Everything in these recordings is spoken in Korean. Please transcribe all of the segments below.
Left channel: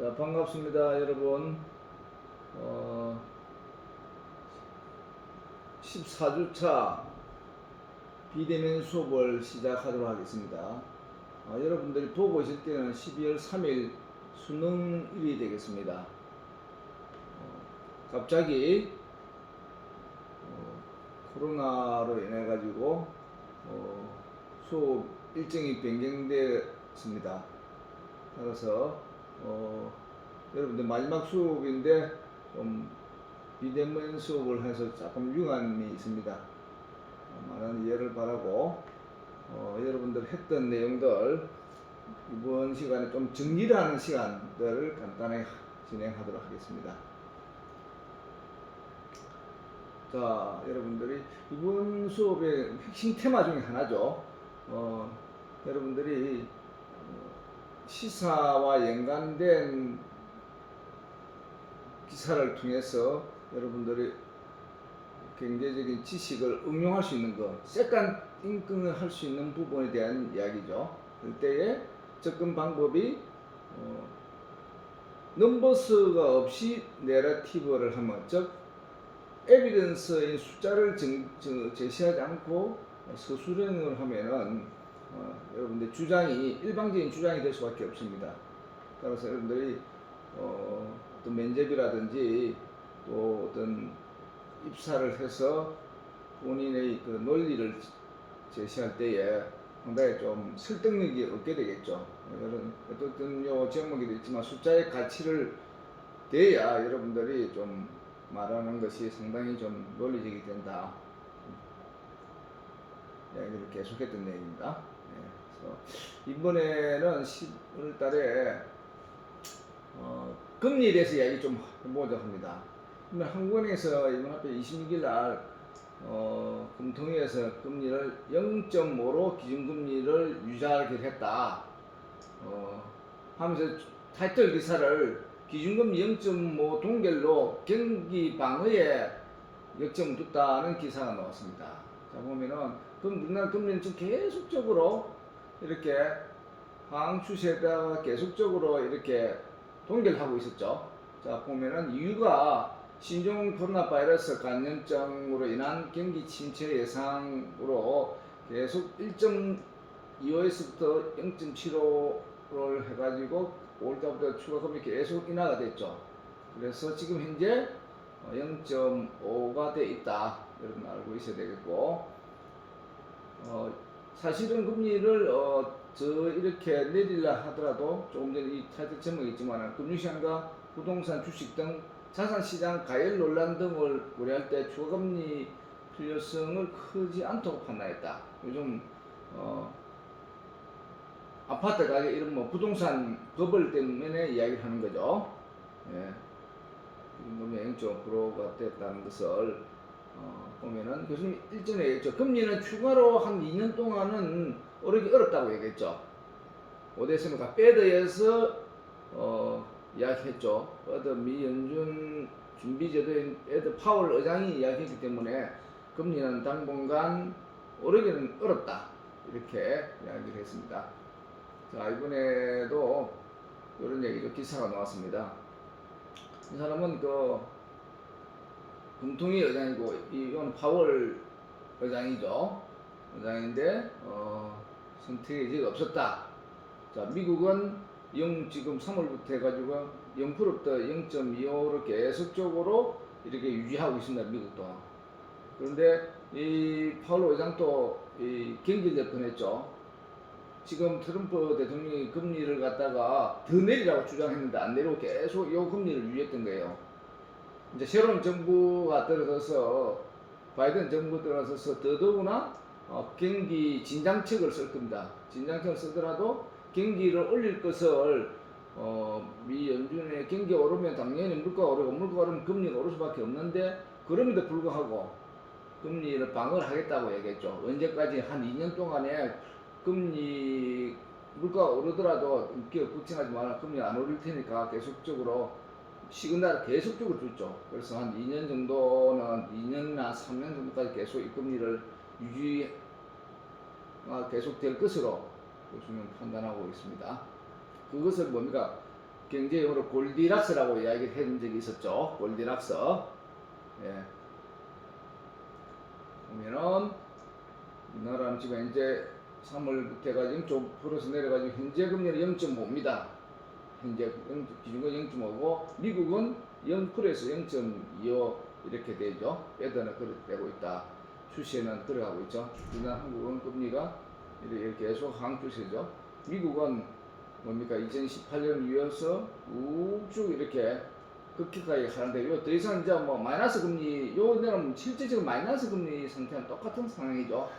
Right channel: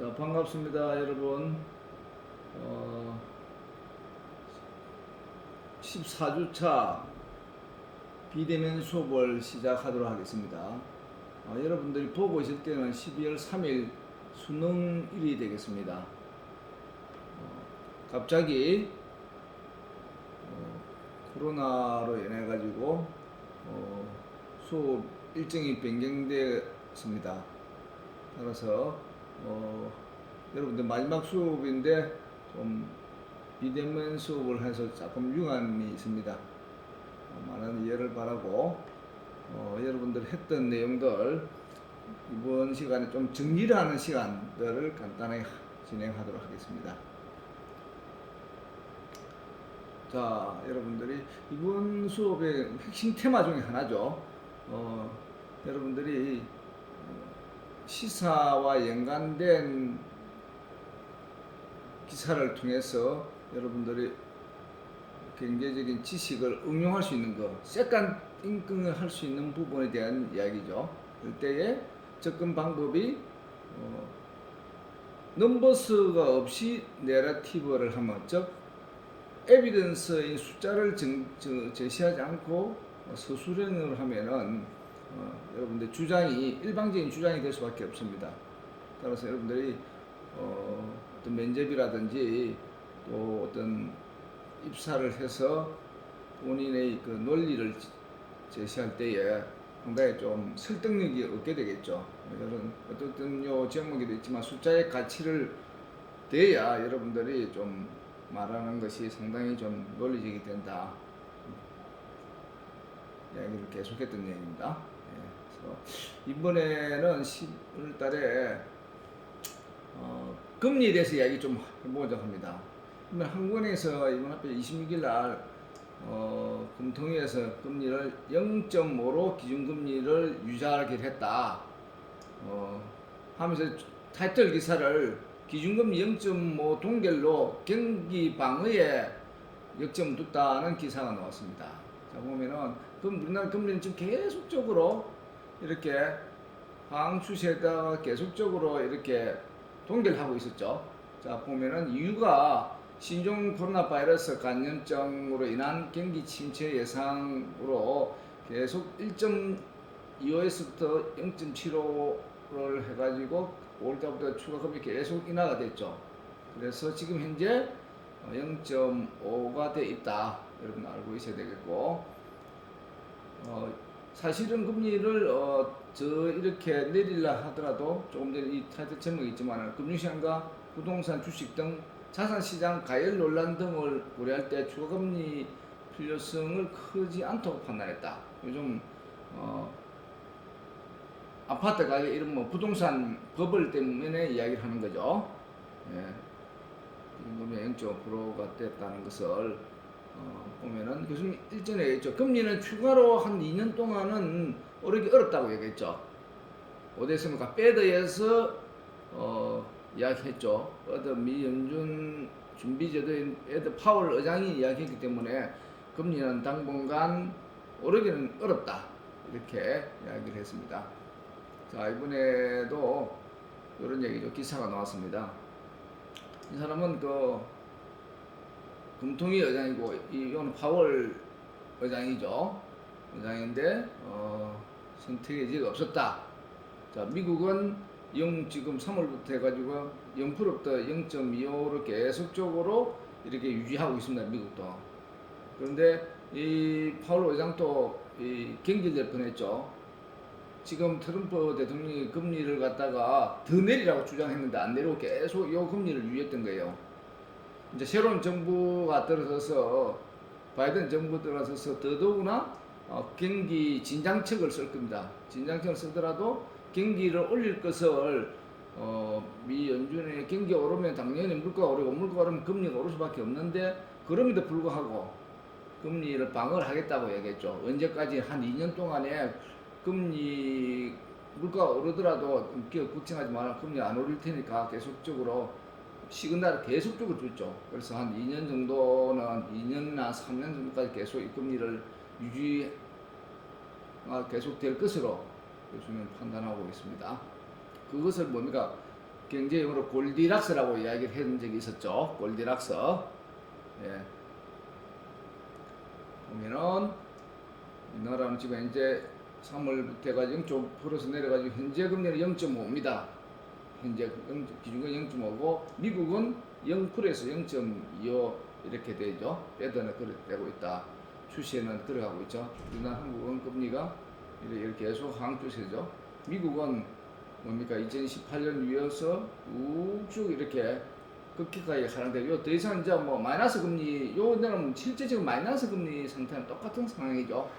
자, 반갑습니다, 여러분. 14주차 비대면 수업을 시작하도록 하겠습니다. 여러분들이 보고 있을 때는 12월 3일 수능일이 되겠습니다. 갑자기 코로나로 인해 가지고 수업 일정이 변경되었습니다. 따라서 여러분들 마지막 수업인데 좀 비대면 수업을 해서 조금 유감이 있습니다. 많은 이해를 바라고 여러분들 했던 내용들 이번 시간에 좀 정리를 하는 시간들을 간단하게 진행하도록 하겠습니다. 자, 여러분들이 이번 수업의 핵심 테마 중에 하나죠. 여러분들이 시사와 연관된 기사를 통해서 여러분들이 경제적인 지식을 응용할 수 있는 것, 세컨 띵킹을 할 수 있는 부분에 대한 이야기죠. 그때에 접근 방법이 넘버스가 없이 내러티브를 하면, 즉 에비던스인 숫자를 제시하지 않고 서술형을 하면은 여러분들 주장이 일방적인 주장이 될 수밖에 없습니다. 따라서 여러분들이 어떤 면접이라든지 또 어떤 입사를 해서 본인의 그 논리를 제시할 때에 상당히 좀 설득력이 없게 되겠죠. 이런 어떤 요 제목에도 있지만 숫자의 가치를 돼야 여러분들이 좀 말하는 것이 상당히 좀 논리적이 된다. 이야기를 계속했던 내용입니다. 그래서 이번에는 10월 달에 금리에 대해서 이야기 좀 해보자 합니다. 한국은행에서 이번 앞에 26일 날 금통위에서 금리를 0.5로 기준금리를 유지하기로 했다. 하면서 타이틀 기사를 기준금리 0.5 동결로 경기 방어에 역점을 뒀다는 기사가 나왔습니다. 자, 보면은 우리나라 금리는 지금 계속적으로 이렇게 하향 추세에다가 계속적으로 이렇게 동결하고 있었죠. 자, 보면은 이유가 신종 코로나 바이러스 감염증으로 인한 경기 침체 예상으로 계속 1.25에서부터 0.75를 해가지고 5월달부터 추가 금리 계속 인하가 됐죠. 그래서 지금 현재 0.5가 돼 있다. 여러분 알고 있어야 되겠고, 사실은 금리를 이렇게 내리려 하더라도 조금 전에 이 타이틀 제목이 있지만 금융시장과 부동산, 주식 등 자산시장 가열 논란 등을 고려할 때 추가금리 필요성을 크지 않다고 판단했다. 요즘 아파트 가격 이런 뭐 부동산 버블 때문에 이야기를 하는 거죠. 예. 금리 0.5%가 됐다는 것을 보면은 교수님 일전에 얘기했죠. 금리는 추가로 한 2년 동안은 오르기 어렵다고 얘기했죠. 오데스모가 패드에서 이야기했죠. 미 연준 준비제도인 패드 파월 의장이 이야기했기 때문에 금리는 당분간 오르기는 어렵다. 이렇게 이야기를 했습니다. 자, 이번에도 이런 얘기죠. 기사가 나왔습니다. 이 사람은 금통위 의장이고 이건 파월 의장이죠. 의장인데 선택의 여지가 없었다. 자, 미국은 지금 3월부터 해가지고 0%부터 0.25로 계속적으로 이렇게 유지하고 있습니다. 미국도. 그런데 이 파월 의장도 경질될 뻔했죠. 지금 트럼프 대통령이 금리를 갖다가 더 내리라고 주장했는데 안 내리고 계속 이 금리를 유지했던 거예요. 이제 새로운 정부가 들어서서 바이든 정부 들어서서 더더구나 경기 진장책을 쓸 겁니다. 진장책을 쓰더라도 경기를 올릴 것을 미 연준의 경기가 오르면 당연히 물가가 오르고 물가가 오르면 금리가 오를 수밖에 없는데 그럼에도 불구하고 금리를 방어를 하겠다고 얘기했죠. 언제까지 한 2년 동안에 금리 물가가 오르더라도 걱정하지 마라. 금리 안 오를 테니까 계속적으로 시그널을 계속적으로 줬죠. 그래서 한 2년 정도는 2년이나 3년 정도까지 계속 이 금리를 유지가 계속될 것으로 교수는 판단하고 있습니다. 그것을 뭡니까? 경제용어로 골디락스라고 이야기를 했던 적이 있었죠. 골디락스. 예. 보면은 우리나라는 지금 현재 3월부터 해가지고 0.5% 내려가지고 현재 금리는 0.5입니다. 현재 기준금리 0.5고 미국은 0%에서 0.25 이렇게 되죠. 빼더나 그렇게 되고 있다. 추세는 들어가고 있죠. 우리나라 한국은 금리가 이렇게 계속 하향추세죠. 미국은 뭡니까 2018년 위에서 우쭉 이렇게 급격하게 하는데 요 더 이상 이제 뭐 마이너스 금리 요는 실제 지금 마이너스 금리 상태는 똑같은 상황이죠.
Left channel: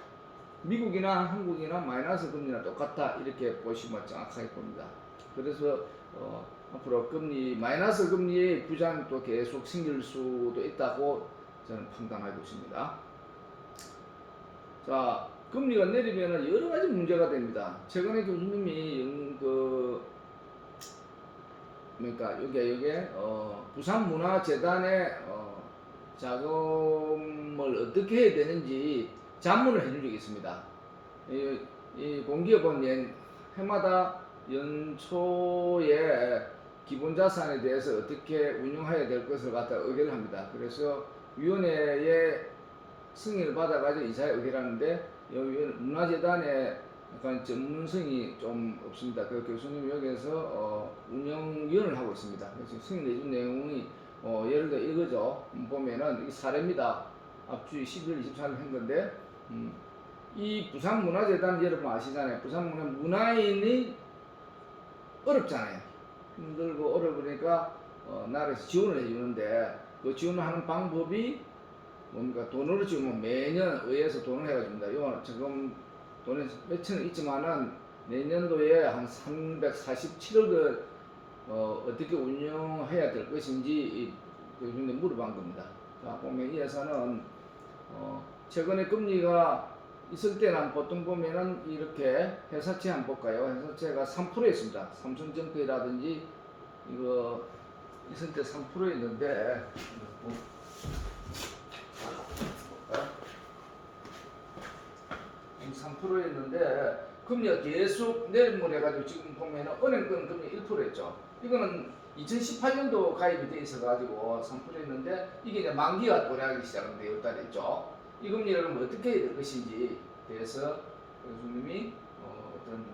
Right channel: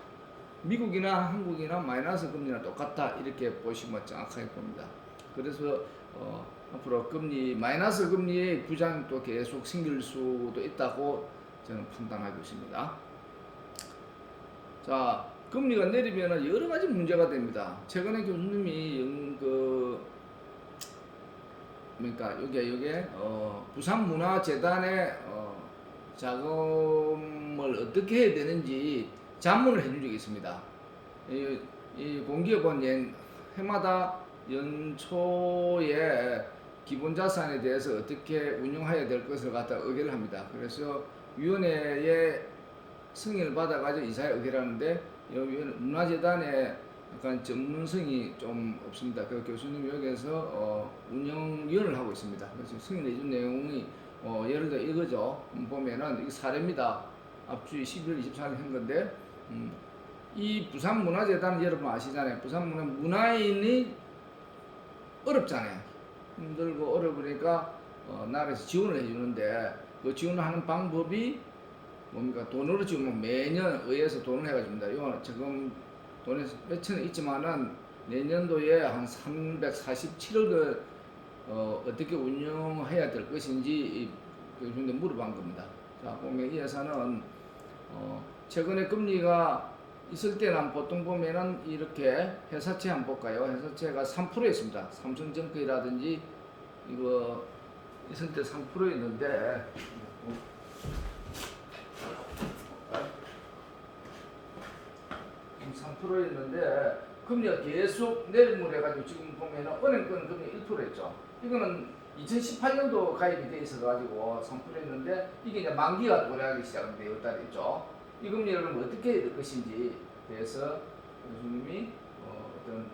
미국이나 한국이나 마이너스 금리나 똑같다 이렇게 보시면 정확하게 봅니다. 그래서 앞으로 금리 마이너스 금리의 부장도 계속 생길 수도 있다고 저는 판단하고 있습니다. 자, 금리가 내리면 여러 가지 문제가 됩니다. 최근에 교수님이 그러니까 요게 부산문화재단에 자금을 어떻게 해야 되는지 자문을 해준 적이 있습니다. 이 공기업은 해마다 연초에 기본자산에 대해서 어떻게 운영해야 될 것을 갖다 의결을 합니다. 그래서 위원회의 승인을 받아가지고 이사에 의결을 하는데 여기 문화재단에 약간 전문성이 좀 없습니다. 그 교수님이 여기에서 운영위원을 하고 있습니다. 그래서 승인해 준 내용이 예를 들어 이거죠. 보면은 이게 사례입니다. 앞주에 11월 24일 한 건데 이 부산문화재단 여러분 아시잖아요. 문화인이 어렵잖아요. 힘들고 어려우니까 나라에서 지원을 해주는데 그 지원을 하는 방법이 뭡니까? 돈으로 지금 매년 의회에서 돈을 해가집니다. 이거는 지금 돈에 몇천원 있지만은 내년도에 한 347억을 어떻게 운영해야 될 것인지 교수님들 물어본 겁니다. 자, 보면 이 회사는 최근에 금리가 있을 때는 보통 보면은 이렇게 회사채 한번 볼까요? 회사채가 3%였습니다. 삼성증권이라든지 이거 있을 때 3%였는데 3%였는데 금리가 계속 내림을 해가지고 지금 보면은 은행권 금리 1%였죠. 이거는 2018년도 가입이 돼 있어가지고 3%였는데 이게 이제 만기가 도래하기 시작하는데 6월달에 있죠. 이 금리를 어떻게 해야 될 것인지 대해서 교수님이 어떤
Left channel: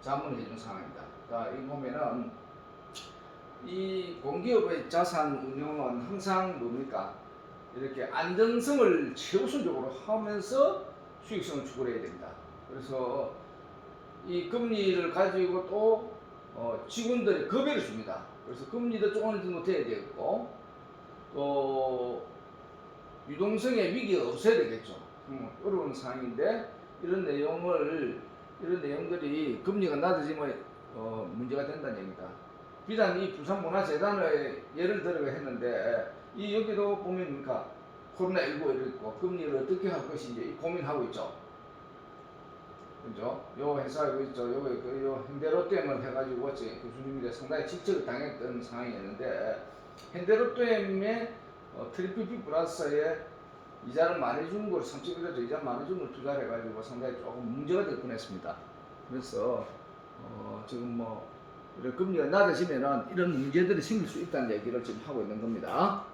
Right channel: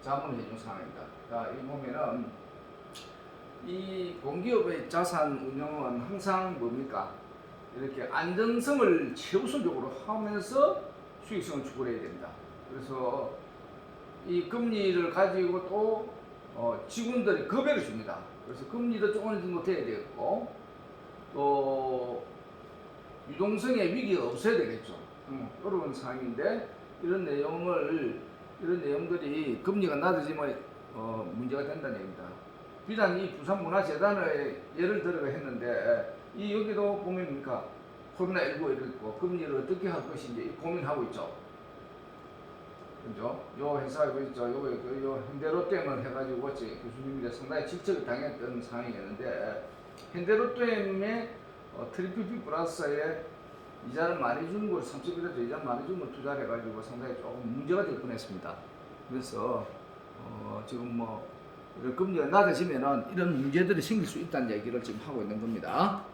자문을 해준 상황입니다. 그러니까 이 보면은 이 공기업의 자산 운용은 항상 뭡니까? 이렇게 안정성을 최우선적으로 하면서 수익성을 추구해야 됩니다. 그래서 이 금리를 가지고 또 직원들이 급여를 줍니다. 그래서 금리도 조금 정도 돼야 되겠고 또 유동성의 위기가 없어야 되겠죠. 어려운 상황인데 이런 내용들이 금리가 낮아지면 문제가 된다는 얘기입니다. 비단 이 부산문화재단의 예를 들어 했는데 이 여기도 보면입니까 코로나19 이렇게 있고 금리를 어떻게 할 것인지 고민하고 있죠. 그죠? 요 회사 이거 있죠. 요 현대롯데만 해가지고 교수님이 상당히 직접을 당했던 상황이었는데 현대롯데의 트리플 B 플러스에 이자를 많이 주는 걸 31조 이자를 많이 주는 걸 투자를 해가지고 상당히 조금 문제가 될 뻔했습니다. 그래서 지금 뭐 금리가 낮아지면은 이런 문제들이 생길 수 있다는 얘기를 지금 하고 있는 겁니다.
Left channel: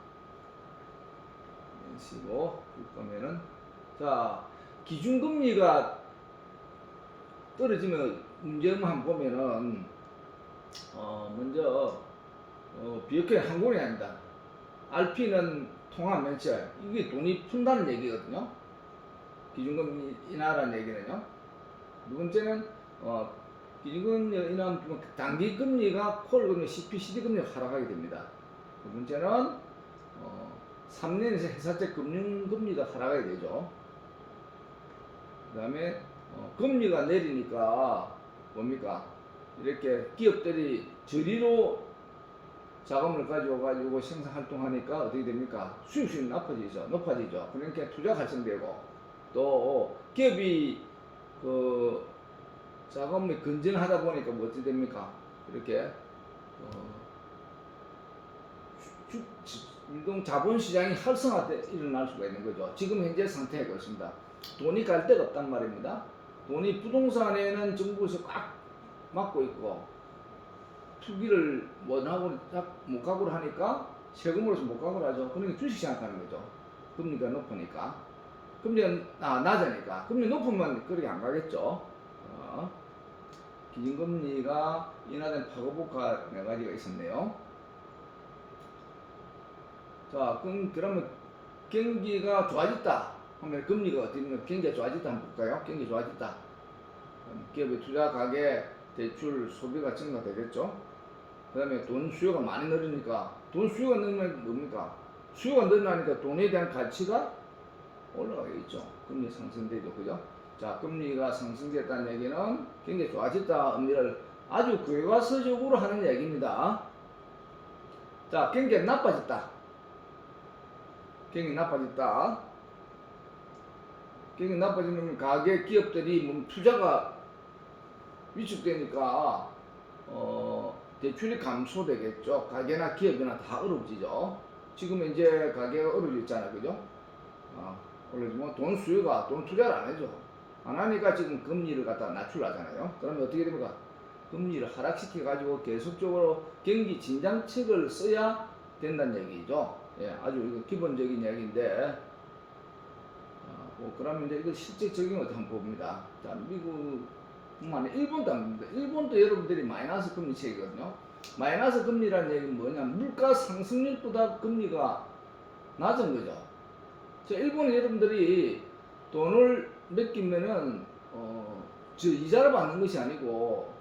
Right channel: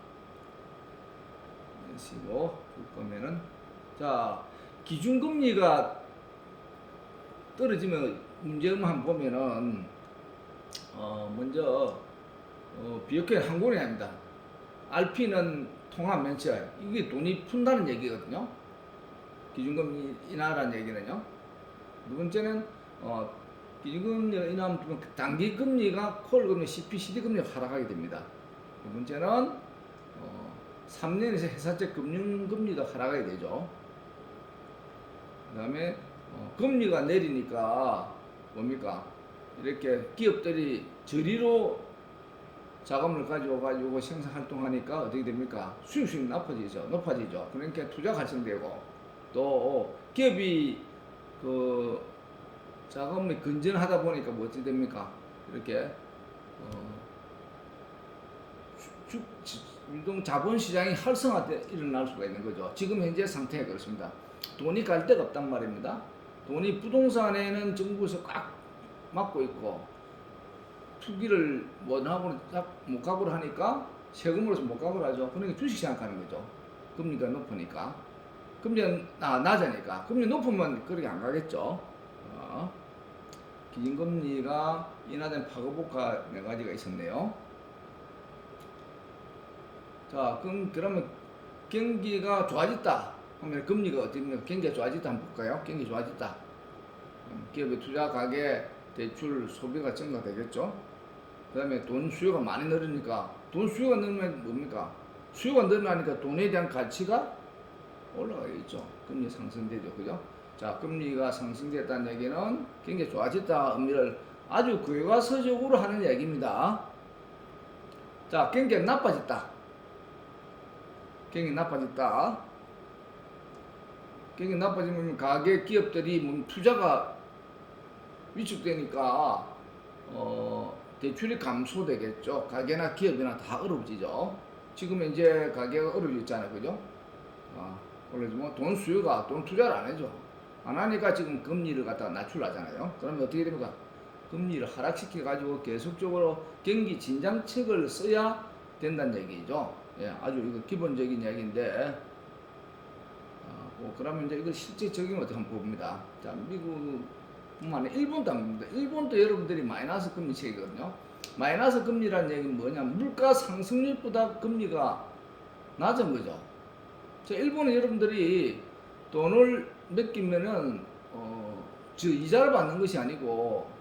시고 보면은 자 기준금리가 떨어지면 문제만 한번 보면은 먼저 비역회 항공이 합니다. RP는 통화 면책 이게 돈이 푼다는 얘기거든요. 기준금리 인하라는 얘기는요. 두 번째는 기준금리 인하하면 단기금리가 콜금리, CP/CD 금리가 하락하게 됩니다. 두 번째는 3년에서 회사채 금융금리가 하락하게 되죠. 그 다음에 금리가 내리니까 뭡니까? 이렇게 기업들이 저리로 자금을 가지고 생산 활동하니까 어떻게 됩니까? 수익성이 높아지죠. 그러니까 투자가 활성되고 또 기업이 그 자금이 건전하다 보니까 뭐 어떻게 됩니까? 이렇게 유동 자본시장이 활성화돼 일어날 수가 있는 거죠. 지금 현재 상태가 그렇습니다. 돈이 갈 데가 없단 말입니다. 돈이 부동산에는 정부에서 꽉 막고 있고 투기를 못 하고 못 각오를 하니까 세금으로서 못 각오를 하죠. 그러니까 주식 시작하는 거죠. 금리가 높으니까. 금리가 낮으니까. 금리 높으면 그렇게 안 가겠죠. 기준금리가 인하된 파급효과 4가지가 있었네요. 자, 그러면 경기가 좋아졌다 하면 금리가 어떻게 되면 경기가 좋아졌다 한번 볼까요? 경기 좋아졌다. 기업의 투자 가계, 대출, 소비가 증가되겠죠. 그 다음에 돈 수요가 많이 늘으니까 돈 수요가 늘면 뭡니까? 수요가 늘어나니까 돈에 대한 가치가 올라가겠죠. 금리 상승되죠. 그죠? 자, 금리가 상승됐다는 얘기는 경기가 좋아졌다 의미를 아주 교과서적으로 하는 얘기입니다. 자, 경기가 나빠졌다. 경기 나빠졌다. 경기 나빠지면 가계 기업들이 투자가 위축되니까 대출이 감소되겠죠. 가계나 기업이나 다 어려워지죠. 지금 이제 가계가 어려워졌잖아요. 그죠? 그러지만 돈 수요가 돈 투자를 안 해죠. 안 하니까 지금 금리를 갖다 낮추려잖아요. 그러면 어떻게 됩니까? 금리를 하락시켜 가지고 계속적으로 경기 진정책을 써야 된다는 얘기죠. 예, 아주 이거 기본적인 얘기인데, 그러면 이제 이거 실제 적용 어떻게 한번 봅니다. 자, 미국뿐만 아니라 일본도 안 봅니다. 일본도 여러분들이 마이너스 금리 책이거든요. 마이너스 금리라는 얘기는 뭐냐? 물가 상승률보다 금리가 낮은 거죠. 자, 일본은 여러분들이 돈을 맡기면은 이자를 받는 것이 아니고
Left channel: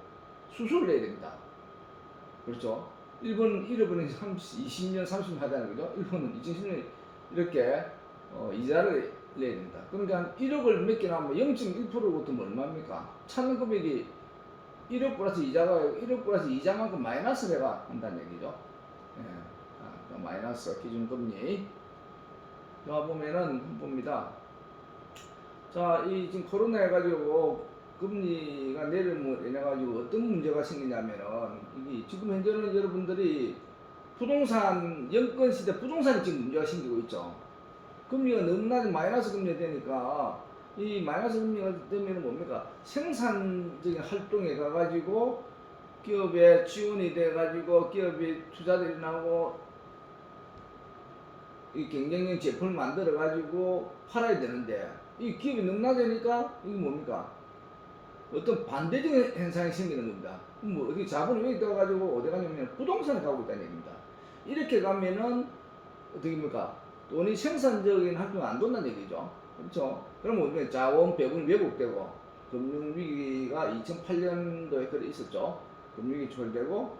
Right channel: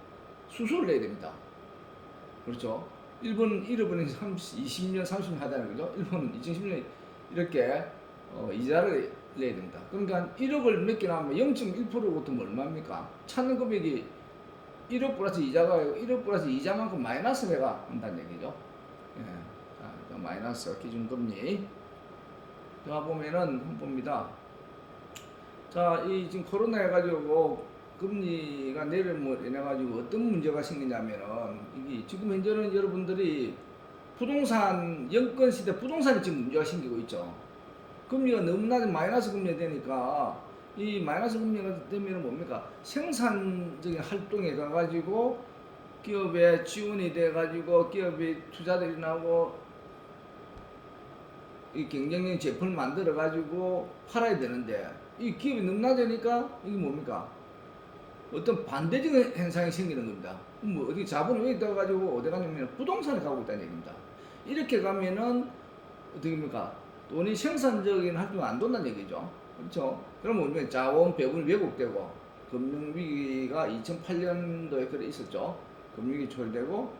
수수료를 내야 됩니다. 그렇죠? 일본은 잃어버린 20년, 30년 하다는 거죠. 일본은 2010년 이렇게 이자를 내야 됩니다. 그러니까 1억을 맡겨놓으면 0.1%로 붙으면 얼마입니까? 찾는 금액이 1억 플러스 이자가 1억 플러스 이자만큼 마이너스가 한다는 얘기죠. 예. 자, 마이너스 기준금리. 자, 보면은 봅니다. 자, 이 지금 코로나 해가지고 금리가 내림으로 인해가지고 어떤 문제가 생기냐면은 이게 지금 현재는 여러분들이 부동산 영권 시대 부동산이 지금 문제가 생기고 있죠. 금리가 너무 낮은 마이너스 금리가 되니까 이 마이너스 금리가 되면 뭡니까? 생산적인 활동에 가가지고 기업에 지원이 돼가지고 기업이 투자들이 나고 이 경쟁력 제품을 만들어가지고 팔아야 되는데 이 기업이 너무 낮으니까 이게 뭡니까? 어떤 반대적인 현상이 생기는 겁니다. 뭐 어디 자본이 여기 떠가지고 어디 가냐면 부동산에 가고 있다는 얘기입니다. 이렇게 가면은 어떻게 됩니까? 돈이 생산적인 활동이 안 돈다는 얘기죠. 그렇죠? 그럼 우리가 자원 배분이 왜곡되고 금융위기가 2008년도에 그래 있었죠. 금융위기 초래되고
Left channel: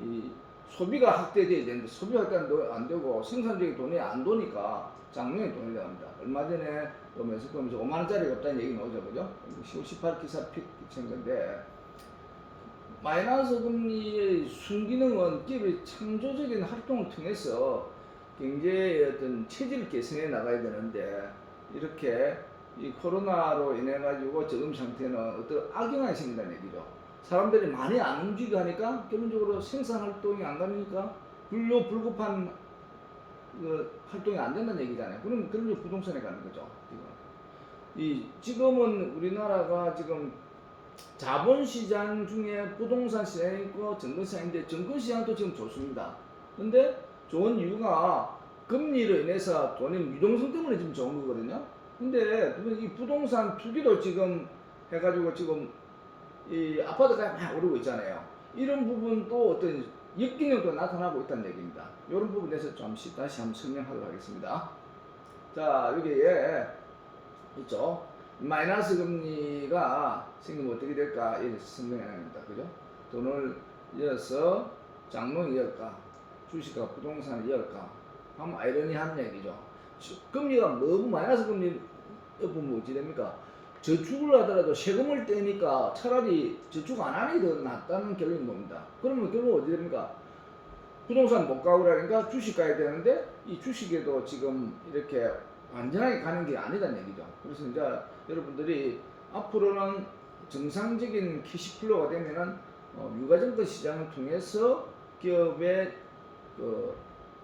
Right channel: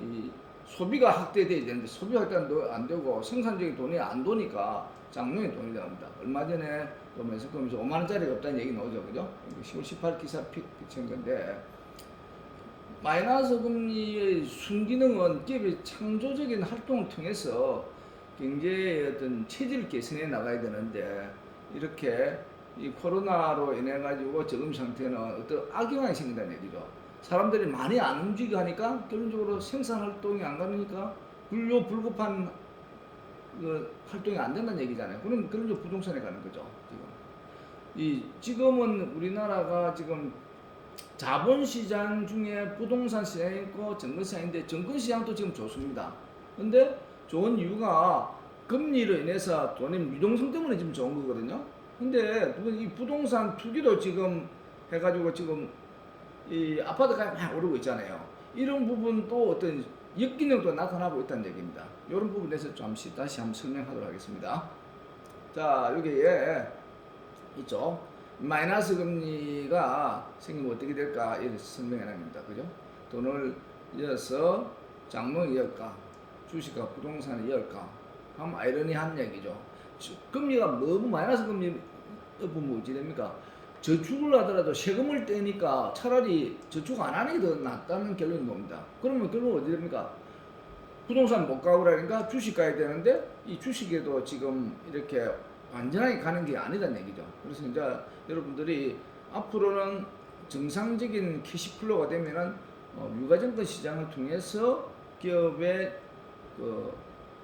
이 소비가 확대돼야 되는데 소비가 안 되고 생산적인 돈이 안 도니까 장롱에 돈이 들어갑니다. 얼마 전에 보면서 그러면서 5만 원짜리가 없다는 얘기 나오죠, 그죠? 10월 18 기사 비친 건데 마이너스 금리의 순기능은 기업의 창조적인 활동을 통해서 경제의 어떤 체질을 개선해 나가야 되는데 이렇게 이 코로나로 인해 가지고 저금 상태는 어떤 악영향이 생긴다는 얘기죠. 사람들이 많이 안 움직여 하니까 결론적으로 생산 활동이 안 가니까 불급한 그 활동이 안 된다는 얘기잖아요. 그럼 부동산에 가는 거죠. 지금은 우리나라가 지금 자본시장 중에 부동산 시장이 있고 증권시장인데 증권시장도 지금 좋습니다. 근데 좋은 이유가 금리로 인해서 돈의 유동성 때문에 지금 좋은 거거든요. 근데 이 부동산 투기도 지금 해가지고 지금 이 아파트가 막 오르고 있잖아요. 이런 부분도 어떤 역기능도 나타나고 있다는 얘기입니다. 이런 부분에 대해서 잠시 다시 한번 설명하도록 하겠습니다. 자, 여기에 있죠. 마이너스 금리가 생기면 어떻게 될까? 이렇게 설명해 납니다. 그죠? 돈을 이어서 장롱이 이을까? 주식과 부동산을 이을까? 하면 아이러니한 얘기죠. 금리가 너무 마이너스 금리 높으면 어찌 됩니까? 저축을 하더라도 세금을 떼니까 차라리 저축 안 하는 게 더 낫다는 결론인 겁니다. 그러면 결국 어디 됩니까? 부동산 못 가고 그러니까 주식 가야 되는데 이 주식에도 지금 이렇게 완전하게 가는 게 아니다는 얘기죠. 그래서 이제 여러분들이 앞으로는 정상적인 캐시플로우가 되면은 유가증권 시장을 통해서 기업의 그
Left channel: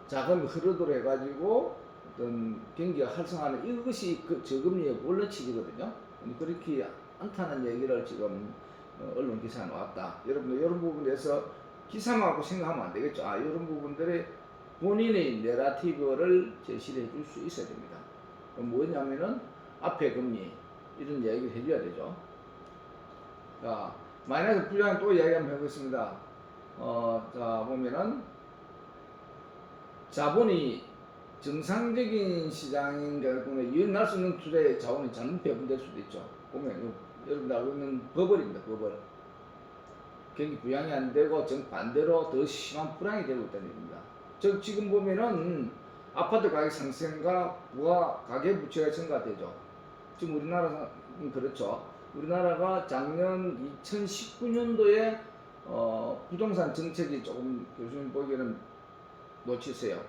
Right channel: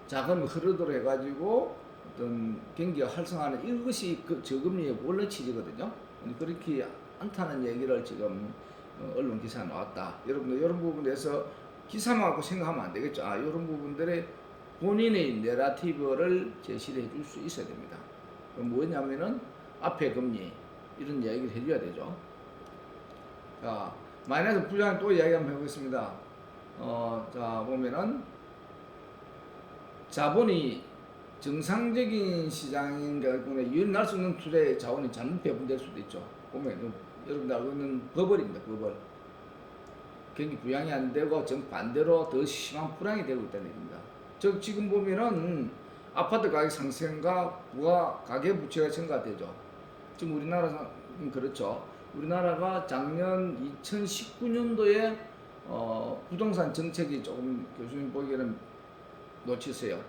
자금이 흐르도록 해가지고 어떤 경기가 활성화하는 이것이 그 저금리의 원래 취지거든요. 그렇게 않다는 얘기를 지금 언론 기사가 나왔다. 여러분들 이런 부분에서 기사만 갖고 생각하면 안 되겠죠. 이런 부분들의 본인의 내러티브를 제시를 해줄 수 있어야 됩니다. 그럼 뭐냐면은 앞에 금리 이런 이야기를 해줘야 되죠. 자, 마이너스 부양 또 이야기 한번 해보겠습니다. 자, 보면은 자본이 정상적인 시장인 경우에 유인할 수 있는 투자의 자원이 잘못 배분될 수도 있죠. 보면 여러분들 알고 있는 버블입니다. 버블. 경기 부양이 안 되고 정 반대로 더 심한 불황이 되고 있다는 얘기입니다. 즉 지금 보면은 아파트 가격 상승과 부가 가계 부채가 증가되죠. 지금 우리나라 그렇죠. 우리나라가 작년 2019년도에 부동산 정책이 조금 교수님 보기에는 놓치세요.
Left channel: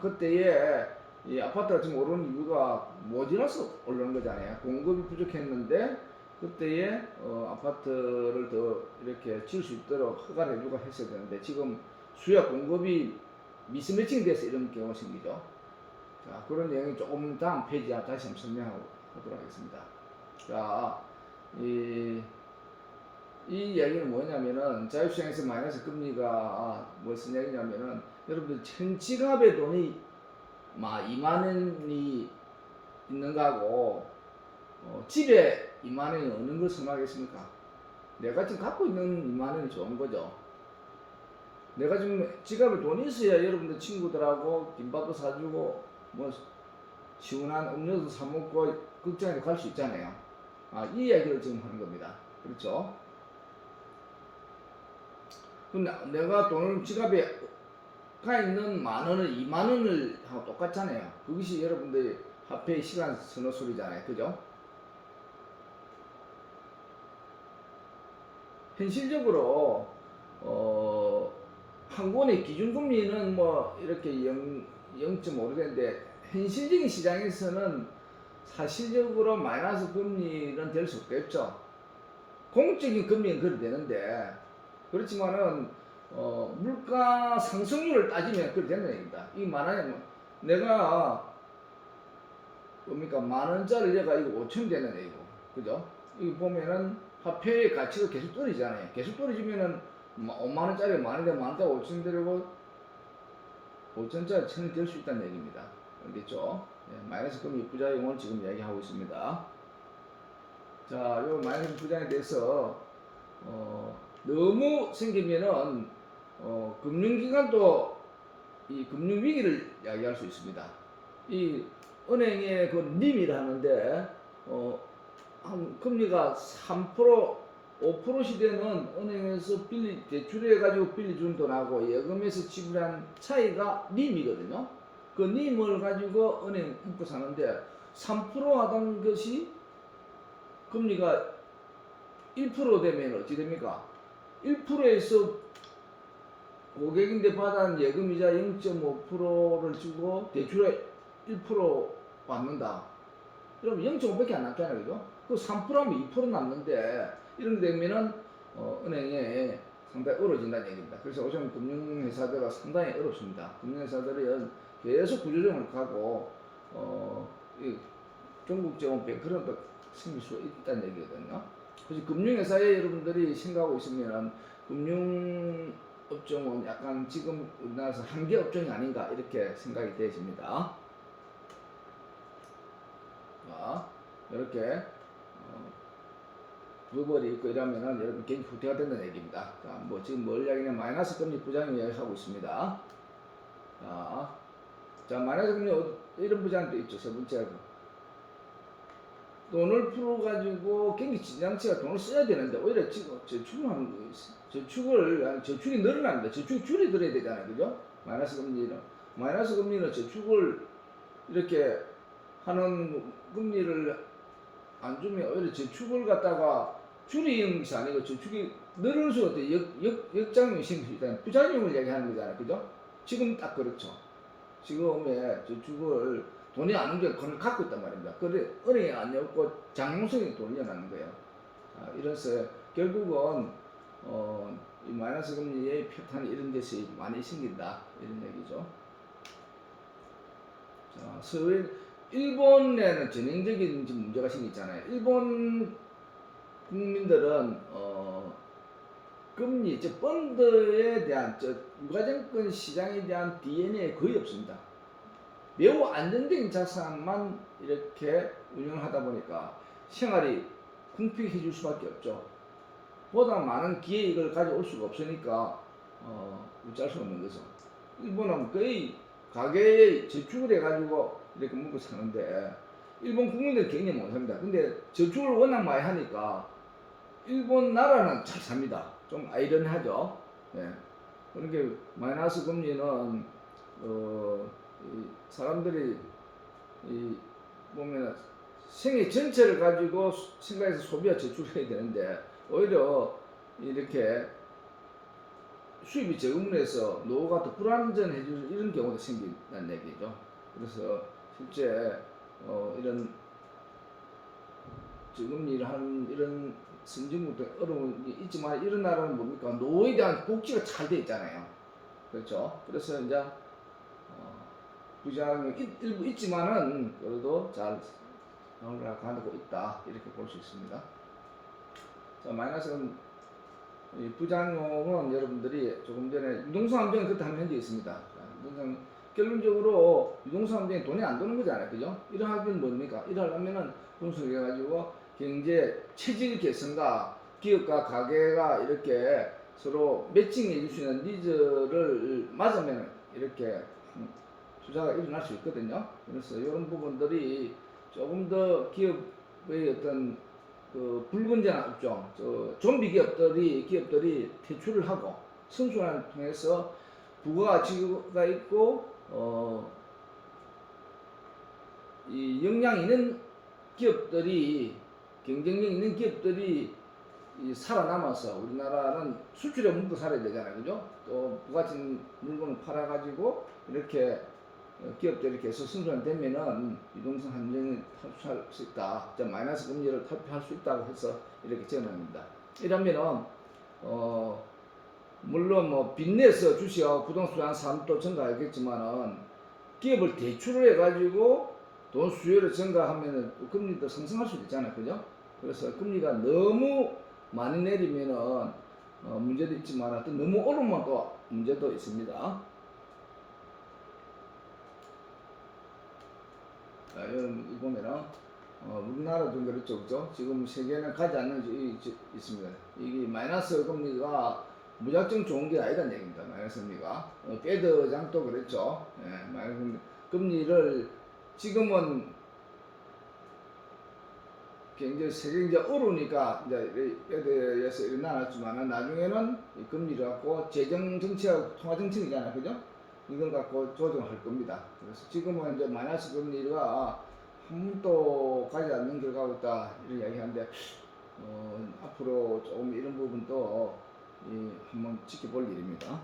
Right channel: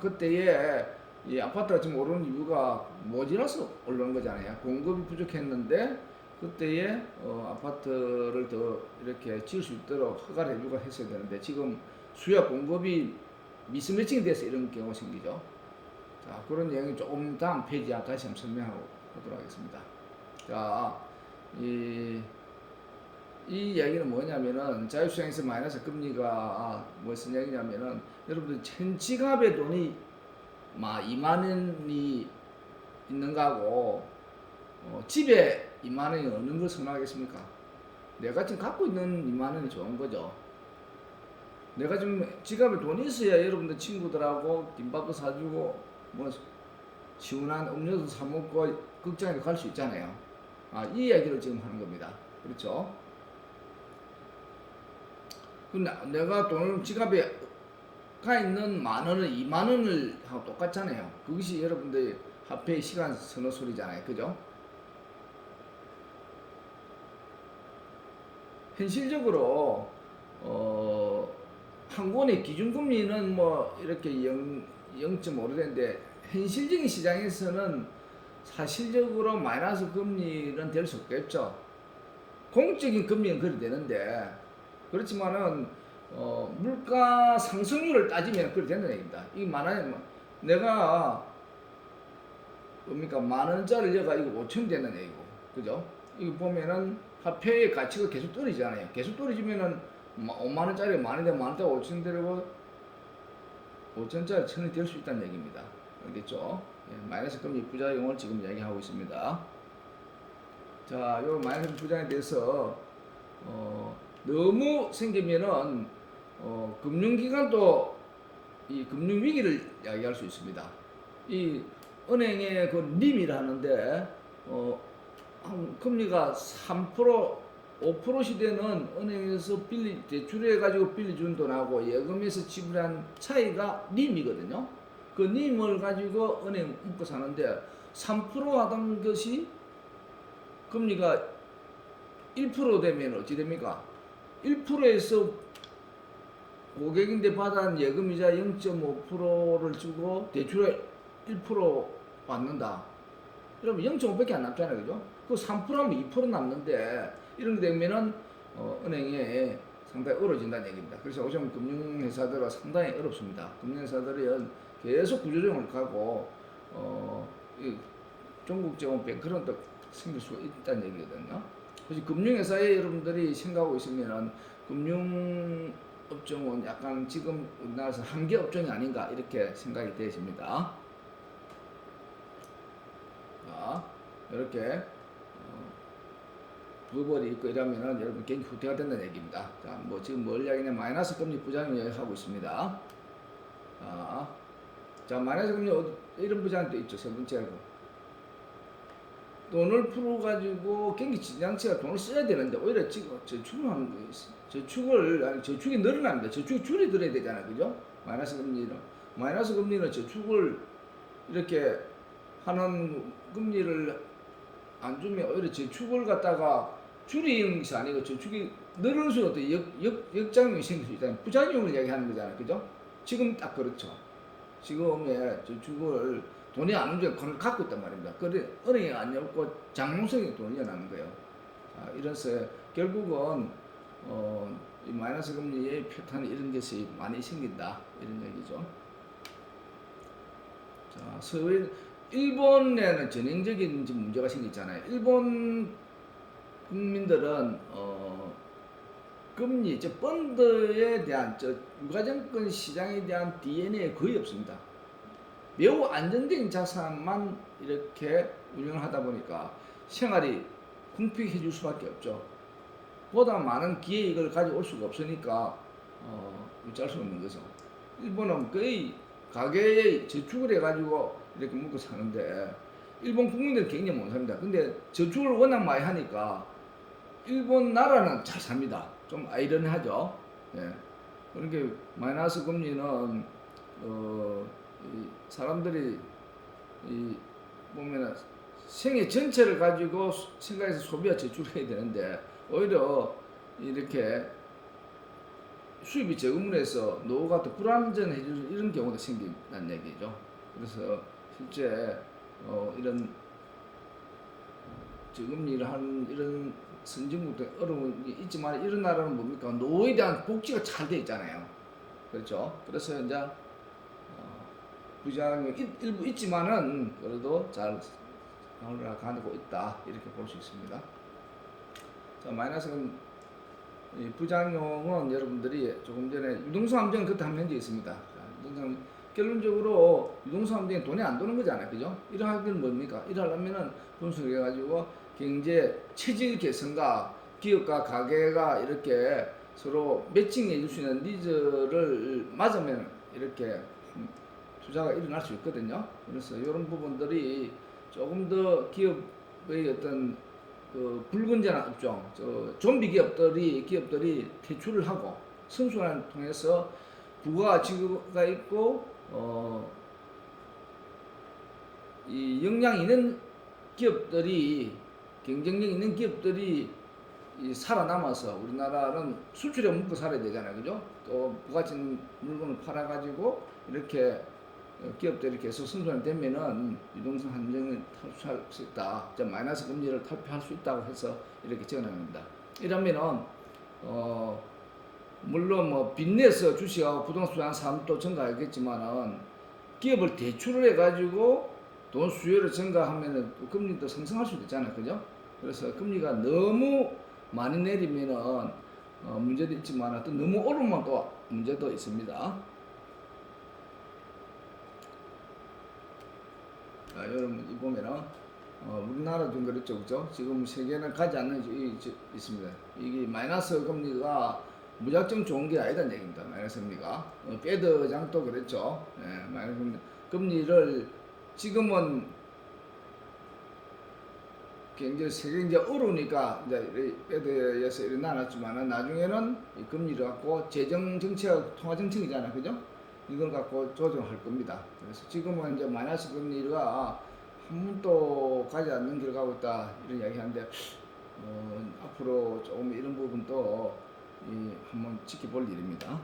그때에 이 아파트가 지금 오르는 이유가 모자라서 오르는 거잖아요. 공급이 부족했는데 그때에 아파트를 더 이렇게 지을 수 있도록 허가를 해주고 했어야 되는데 지금 수요 공급이 미스매칭이 돼서 이런 경우가 생기죠. 자, 그런 내용이 조금 다음 페이지에 다시 한번 설명하도록 하겠습니다. 자, 이 이야기는 뭐냐면은 자유시장에서 마이너스 금리가 무슨 얘기냐면은 여러분들 현 지갑에 돈이 2만 원이 있는 거하고 집에 2만 원이 없는 걸 선호하겠습니까? 내가 지금 갖고 있는 2만 원이 좋은 거죠. 내가 지금 지갑에 돈이 있어야 여러분들 친구들하고 김밥도 사주고 뭐 시원한 음료도 사 먹고 극장에도 갈 수 있잖아요. 이 이야기를 지금 하는 겁니다. 그렇죠? 근데 내가 돈을 지갑에 가 있는 만 원을 2만 원을 하고 똑같잖아요. 그것이 여러분들 화폐의 시간 선호 소리잖아요. 그죠? 현실적으로 한권의 기준금리는 뭐 이렇게 0.5되는데 현실적인 시장에서는 사실적으로 마이너스 금리는 될 수 없겠죠. 공적인 금리는 그래 되는데 그렇지만은 물가 상승률을 따지면 그래 되는 얘기입니다. 이 만원에 내가 뭡니까 10,000원짜리 내가 이거 5,000원 되는 얘기고, 그죠? 이거 보면은 화폐의 가치가 계속 떨어지잖아요. 계속 떨어지면은 5만원짜리 만원 되면 만원짜리 5,000원 되고 5,000원짜리 1,000원이 될 수 있다는 얘기입니다. 알겠죠? 마이너스 금리 부작용을 지금 얘기하고 있습니다. 자, 요 마이너스 부작용에 대해서 너무 생기면은 금융기관도 이 금융위기를 이야기할 수 있습니다. 이 은행의 그 림이라 하는데 금리가 3% 5% 시대는 은행에서 대출해가지고 빌려준 돈하고 예금에서 지불한 차이가 림이거든요. 그 림을 가지고 은행 묶고 사는데 3% 하던 것이 금리가 1% 되면 어찌 됩니까? 1%에서 고객인데 받은 예금이자 0.5%를 주고 대출에 1% 받는다. 그러면 0.5밖에 안 남잖아요. 그죠? 그 3%하면 2% 남는데 이런 게 되면은 은행에 상당히 어려워진다는 얘기입니다. 그래서 요즘 금융회사들은 상당히 어렵습니다. 금융회사들은 계속 구조조정을 가고 전국적인 뱅크런도 생길 수 있다는 얘기거든요. 그래서 금융회사에 여러분들이 생각하고 있으면은 금융업종은 약간 지금 우리나라에서 한계 업종이 아닌가 이렇게 생각이 되십니다. 자, 이렇게 버블이 있고 이러면은 여러분 경기 후퇴가 된다는 얘기입니다. 자, 뭐 지금 뭘 이야기냐면 마이너스 금리 부작용 이야기하고 있습니다. 자, 마이너스 금리 이런 부작용도 있죠. 세 번째로 돈을 풀어가지고 경기 지장치가 돈을 써야 되는데 오히려 지금 저축을 하는 거 있어요. 저축이 늘어납니다. 저축이 줄어들어야 되잖아요. 그죠? 마이너스 금리는 저축을 이렇게 하는 금리를 안 주면 오히려 저축을 갖다가 줄이는 것이 아니고 저축이 늘을수록 역작용이 생길 수 있다는 부작용을 얘기하는 거잖아요. 그죠? 지금 딱 그렇죠. 지금의 저축을 돈이 안 움직여 돈을 갖고 있단 말입니다. 그래 은행이 안 열고 장롱성에 돈을 넣어놨는 거예요. 자, 이래서 결국은 이 마이너스 금리의 패턴이 이런 것이 많이 생긴다 이런 얘기죠. 자, 일본에는 전형적인 문제가 생겼잖아요. 일본 국민들은 금리, 펀드에 대한 유가증권 시장에 대한 DNA 거의 없습니다. 매우 안정적인 자산만 이렇게 운영하다 보니까 생활이 궁핍해질 수밖에 없죠. 보다 많은 기회이익을 가져올 수가 없으니까 유지할 수 없는 거죠. 일본은 거의 가계에 저축을 해가지고 이렇게 먹고 사는데 일본 국민들 굉장히 못 삽니다. 근데 저축을 워낙 많이 하니까 일본 나라는 잘 삽니다. 좀 아이러니하죠. 예. 그러니까 마이너스 금리는 이 사람들이 보면 생애 전체를 가지고 생각해서 소비와 저축을 해야 되는데 오히려 이렇게 수입이 적음으로 해서 노후가 더 불안전해질 이런 경우도 생긴다는 얘기죠. 그래서 실제 이런 저금리를 하는 이런 선진국도 어려움이 있지만 이런 나라는 뭡니까? 노후에 대한 복지가 잘 돼 있잖아요. 그렇죠. 그래서 이제 부작용이 일부 있지만은 그래도 잘 가고 있다 이렇게 볼 수 있습니다. 자, 마이너스 이 부작용은 여러분들이 조금 전에 유동성 함정 그때 한 문제 있습니다. 자, 유동성 결론적으로 유동성 함정이 돈이 안 도는 거잖아요, 그죠? 이러하기는 뭡니까? 이러려면은 분석해 가지고 경제 체질 개선과 기업과 가게가 이렇게 서로 매칭해 줄 수 있는 니즈를 맞으면 이렇게 투자가 일어날 수 있거든요. 그래서 이런 부분들이 조금 더 기업의 어떤 그 불건전한 업종, 좀비 기업들이 퇴출을 하고 선순환을 통해서 부가가치가 있고 이 역량 있는 기업들이 경쟁력 있는 기업들이 살아남아서 우리나라는 수출에 먹고 살아야 되잖아요, 그죠? 또 부가치 물건을 팔아가지고 이렇게 기업들이 계속 선순환되면은 유동성 함정을 탈출할 수 있다. 마이너스 금리를 탈피할 수 있다고 해서 이렇게 전합니다. 이러면은 물론 뭐 빚내서 주식하고 부동산 사업도 증가하겠지만은 기업을 대출을 해가지고 돈 수요를 증가하면은 금리도 상승할 수도 있잖아요, 그죠? 그래서 금리가 너무 많이 내리면은 문제도 있지만 또 너무 오르면 또 문제도 있습니다. 여러분 보면은 우리나라도 그렇죠, 그죠? 지금 세계는 가지 않는 있습니다. 이게 마이너스 금리가 무작정 좋은 게 아니다는 얘기입니다. 마이너스 금리가 페드 장도 그랬죠. 예, 마이너스 금리를 지금은 굉장히 세계 이제 어려우니까 이제 페드에서 일어나놨지만은 나중에는 이 금리를 갖고 재정 정책, 통화 정책이잖아, 그죠? 이걸 갖고 조정할 겁니다. 그래서 지금은 이제 마이너스 금리가 한 번도 가지 않는 길 가고 있다 이런 이야기하는데 앞으로 조금 이런 부분도 한번 지켜볼 일입니다.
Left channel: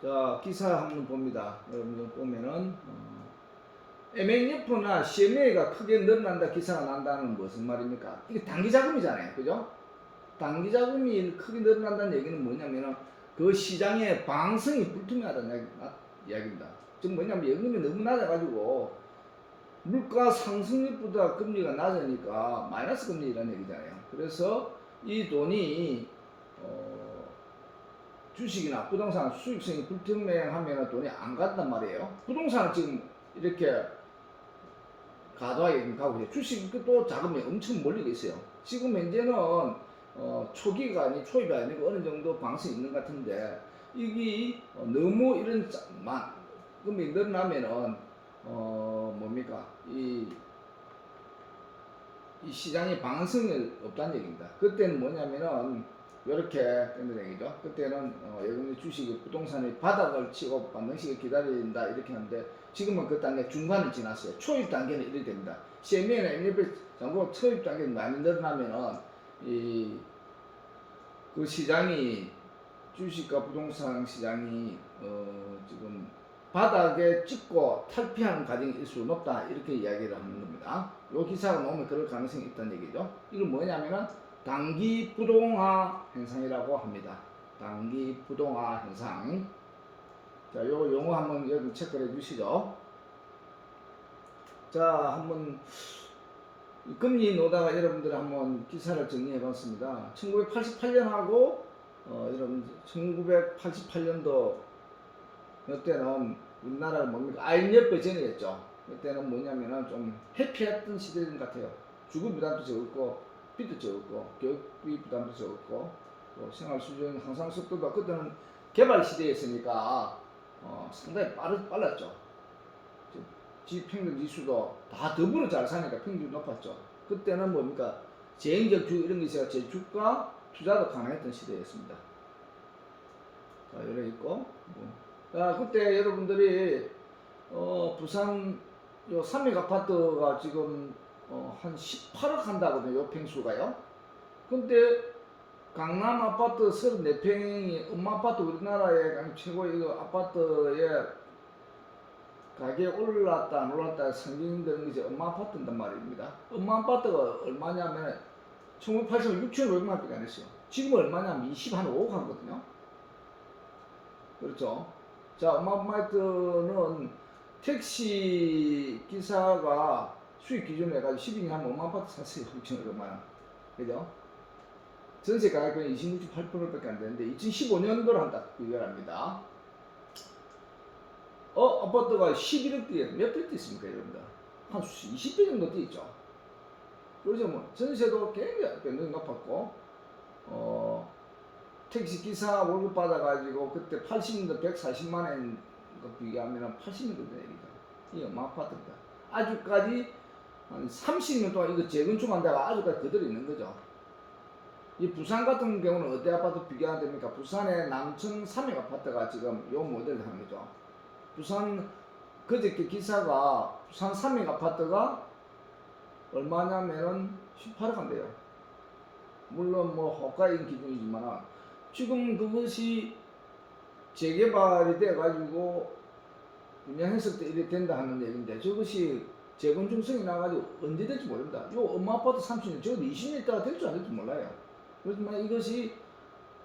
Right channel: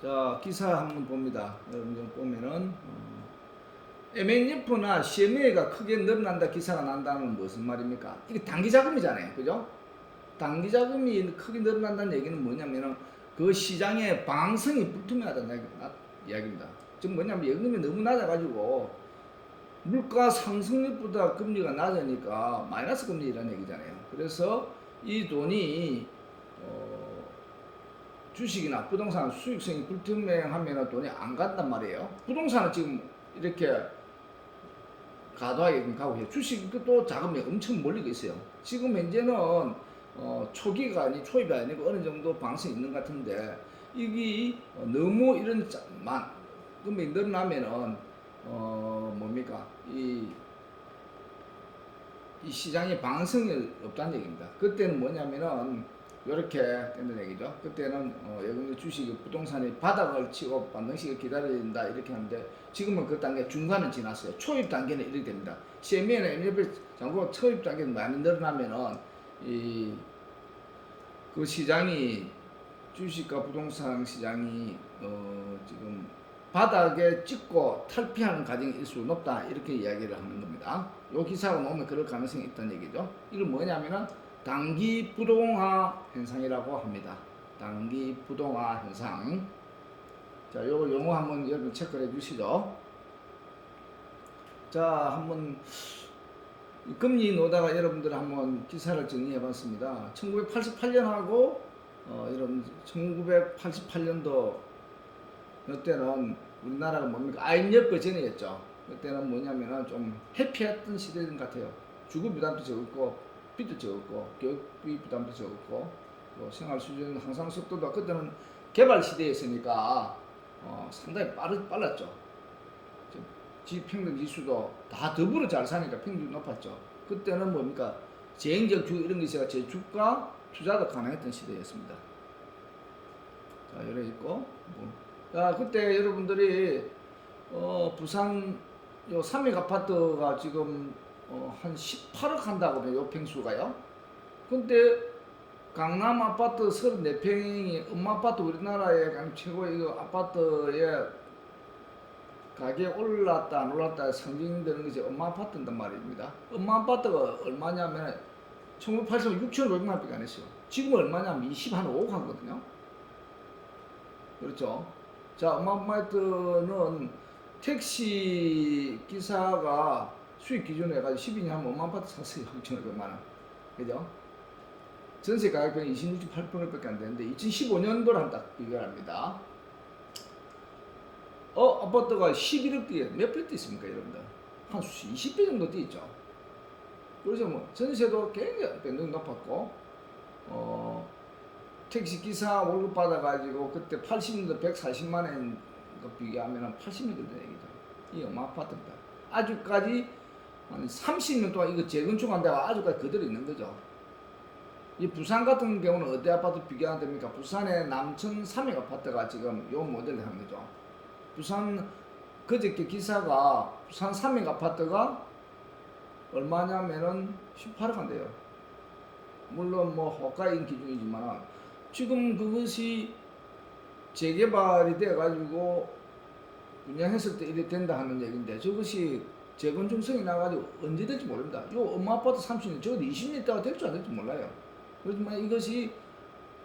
자, 기사 한번 봅니다. 여러분들 보면은 MNF나 CMA가 크게 늘어난다 기사가 난다는 무슨 말입니까? 이게 단기 자금이잖아요, 그죠? 단기 자금이 크게 늘어난다는 얘기는 뭐냐면은 그 시장의 방성이 불투명하다는 이야기입니다. 즉 뭐냐면 연금이 너무 낮아가지고 물가 상승률보다 금리가 낮으니까 마이너스 금리라는 얘기잖아요. 그래서 이 돈이 주식이나 부동산 수익성이 불투명하면 돈이 안 간단 말이에요. 부동산은 지금 이렇게 과도하게 가고 있어요. 주식도 자금이 엄청 몰리고 있어요. 지금 현재는 초기가 아니 초입이 아니고 어느 정도 방송이 있는 것 같은데 이게 너무 이런 금액이 늘어나면은 뭡니까 이 시장에 방송이 없다는 얘기입니다. 그때는 뭐냐면은 이렇게 되는 얘기죠. 그때는 예금의 주식 부동산이 바닥을 치고 반등식을 기다린다 이렇게 하는데 지금은 그 단계 중간을 지났어요. 초입 단계는 이렇게 됩니다. CMA나 MLF 장고 초입 단계는 많이 늘어나면은 그 시장이 주식과 부동산 시장이 지금 바닥에 찍고 탈피하는 과정일 수 높다 이렇게 이야기를 하는 겁니다. 이 기사가 나오면 그럴 가능성이 있다는 얘기죠. 이건 뭐냐면은 단기 부동화 현상이라고 합니다. 단기 부동화 현상. 자, 요거 용어 한번 여러분 체크해 주시죠. 자, 한번 금리 노다가 여러분들 한번 기사를 정리해 봤습니다. 1988년하고 여러분 1988년도 이때는 우리나라가 뭡니까? IMF 전이었죠. 그때는 뭐냐면은 좀 해피했던 시대인 것 같아요. 주거 부담도 적었고 빚도 적었고 교육비 부담도 적었고 또 생활 수준 향상 속도도 그때는 개발 시대였으니까 상당히 빨랐죠. 지평등 지수도 다 더불어 잘 사니까 평균이 높았죠. 그때는 뭡니까? 재행적 주거 이런 게 있어야 저축과 투자도 가능했던 시대였습니다. 자, 이래 있고 자, 그때 여러분들이 부산 요 삼익 아파트가 지금 한 18억 한다거든요. 요 평수가요. 근데 강남 아파트 34평이 음마아파트 우리나라의 최고의 아파트의 가격 올랐다 안 올랐다 상징되는 것이 음마아파트인단 말입니다. 음마아파트가 얼마냐면 1980년 6,500만 원밖에 안 했어요. 지금 얼마냐면 25억 하거든요. 그렇죠. 자, 음마아파트는 택시 기사가 수익 기준으로 해가지고 12년 하면 음마아파트 샀어요. 6,500만 원. 그죠? 전세 가격은 26.8%밖에 안 되는데 2015년도랑 딱 비교를 합니다. 아파트가 11억대에 몇 평 있습니까, 여러분들? 한 20배 정도 뛰었죠. 그래서 뭐 전세도 굉장히 변동이 높았고, 택시 기사 월급 받아가지고 그때 80년도 140만 원 비교하면 80년 정도 얘기죠. 이 엄마 아파트입니다. 아직까지 한 30년 동안 이거 재건축한다가 아직까지 그대로 있는 거죠. 이 부산 같은 경우는 어디 아파트 비교하면 됩니까? 부산의 남천 삼익 아파트가 지금 요 모델을 한 거죠. 부산 그저께 기사가 부산 삼익 아파트가 얼마냐면은 18억 한대요. 물론 뭐 호가인 기준이지만 지금 그것이 재개발이 돼가지고 운영했을 때 이래 된다 하는 얘기인데 저것이 재건축성이 나가지고 언제 될지 모릅니다. 요 엄마 아파트 30년, 적어도 20년 있다가 될지 안 될지 몰라요. 그렇지만 이것이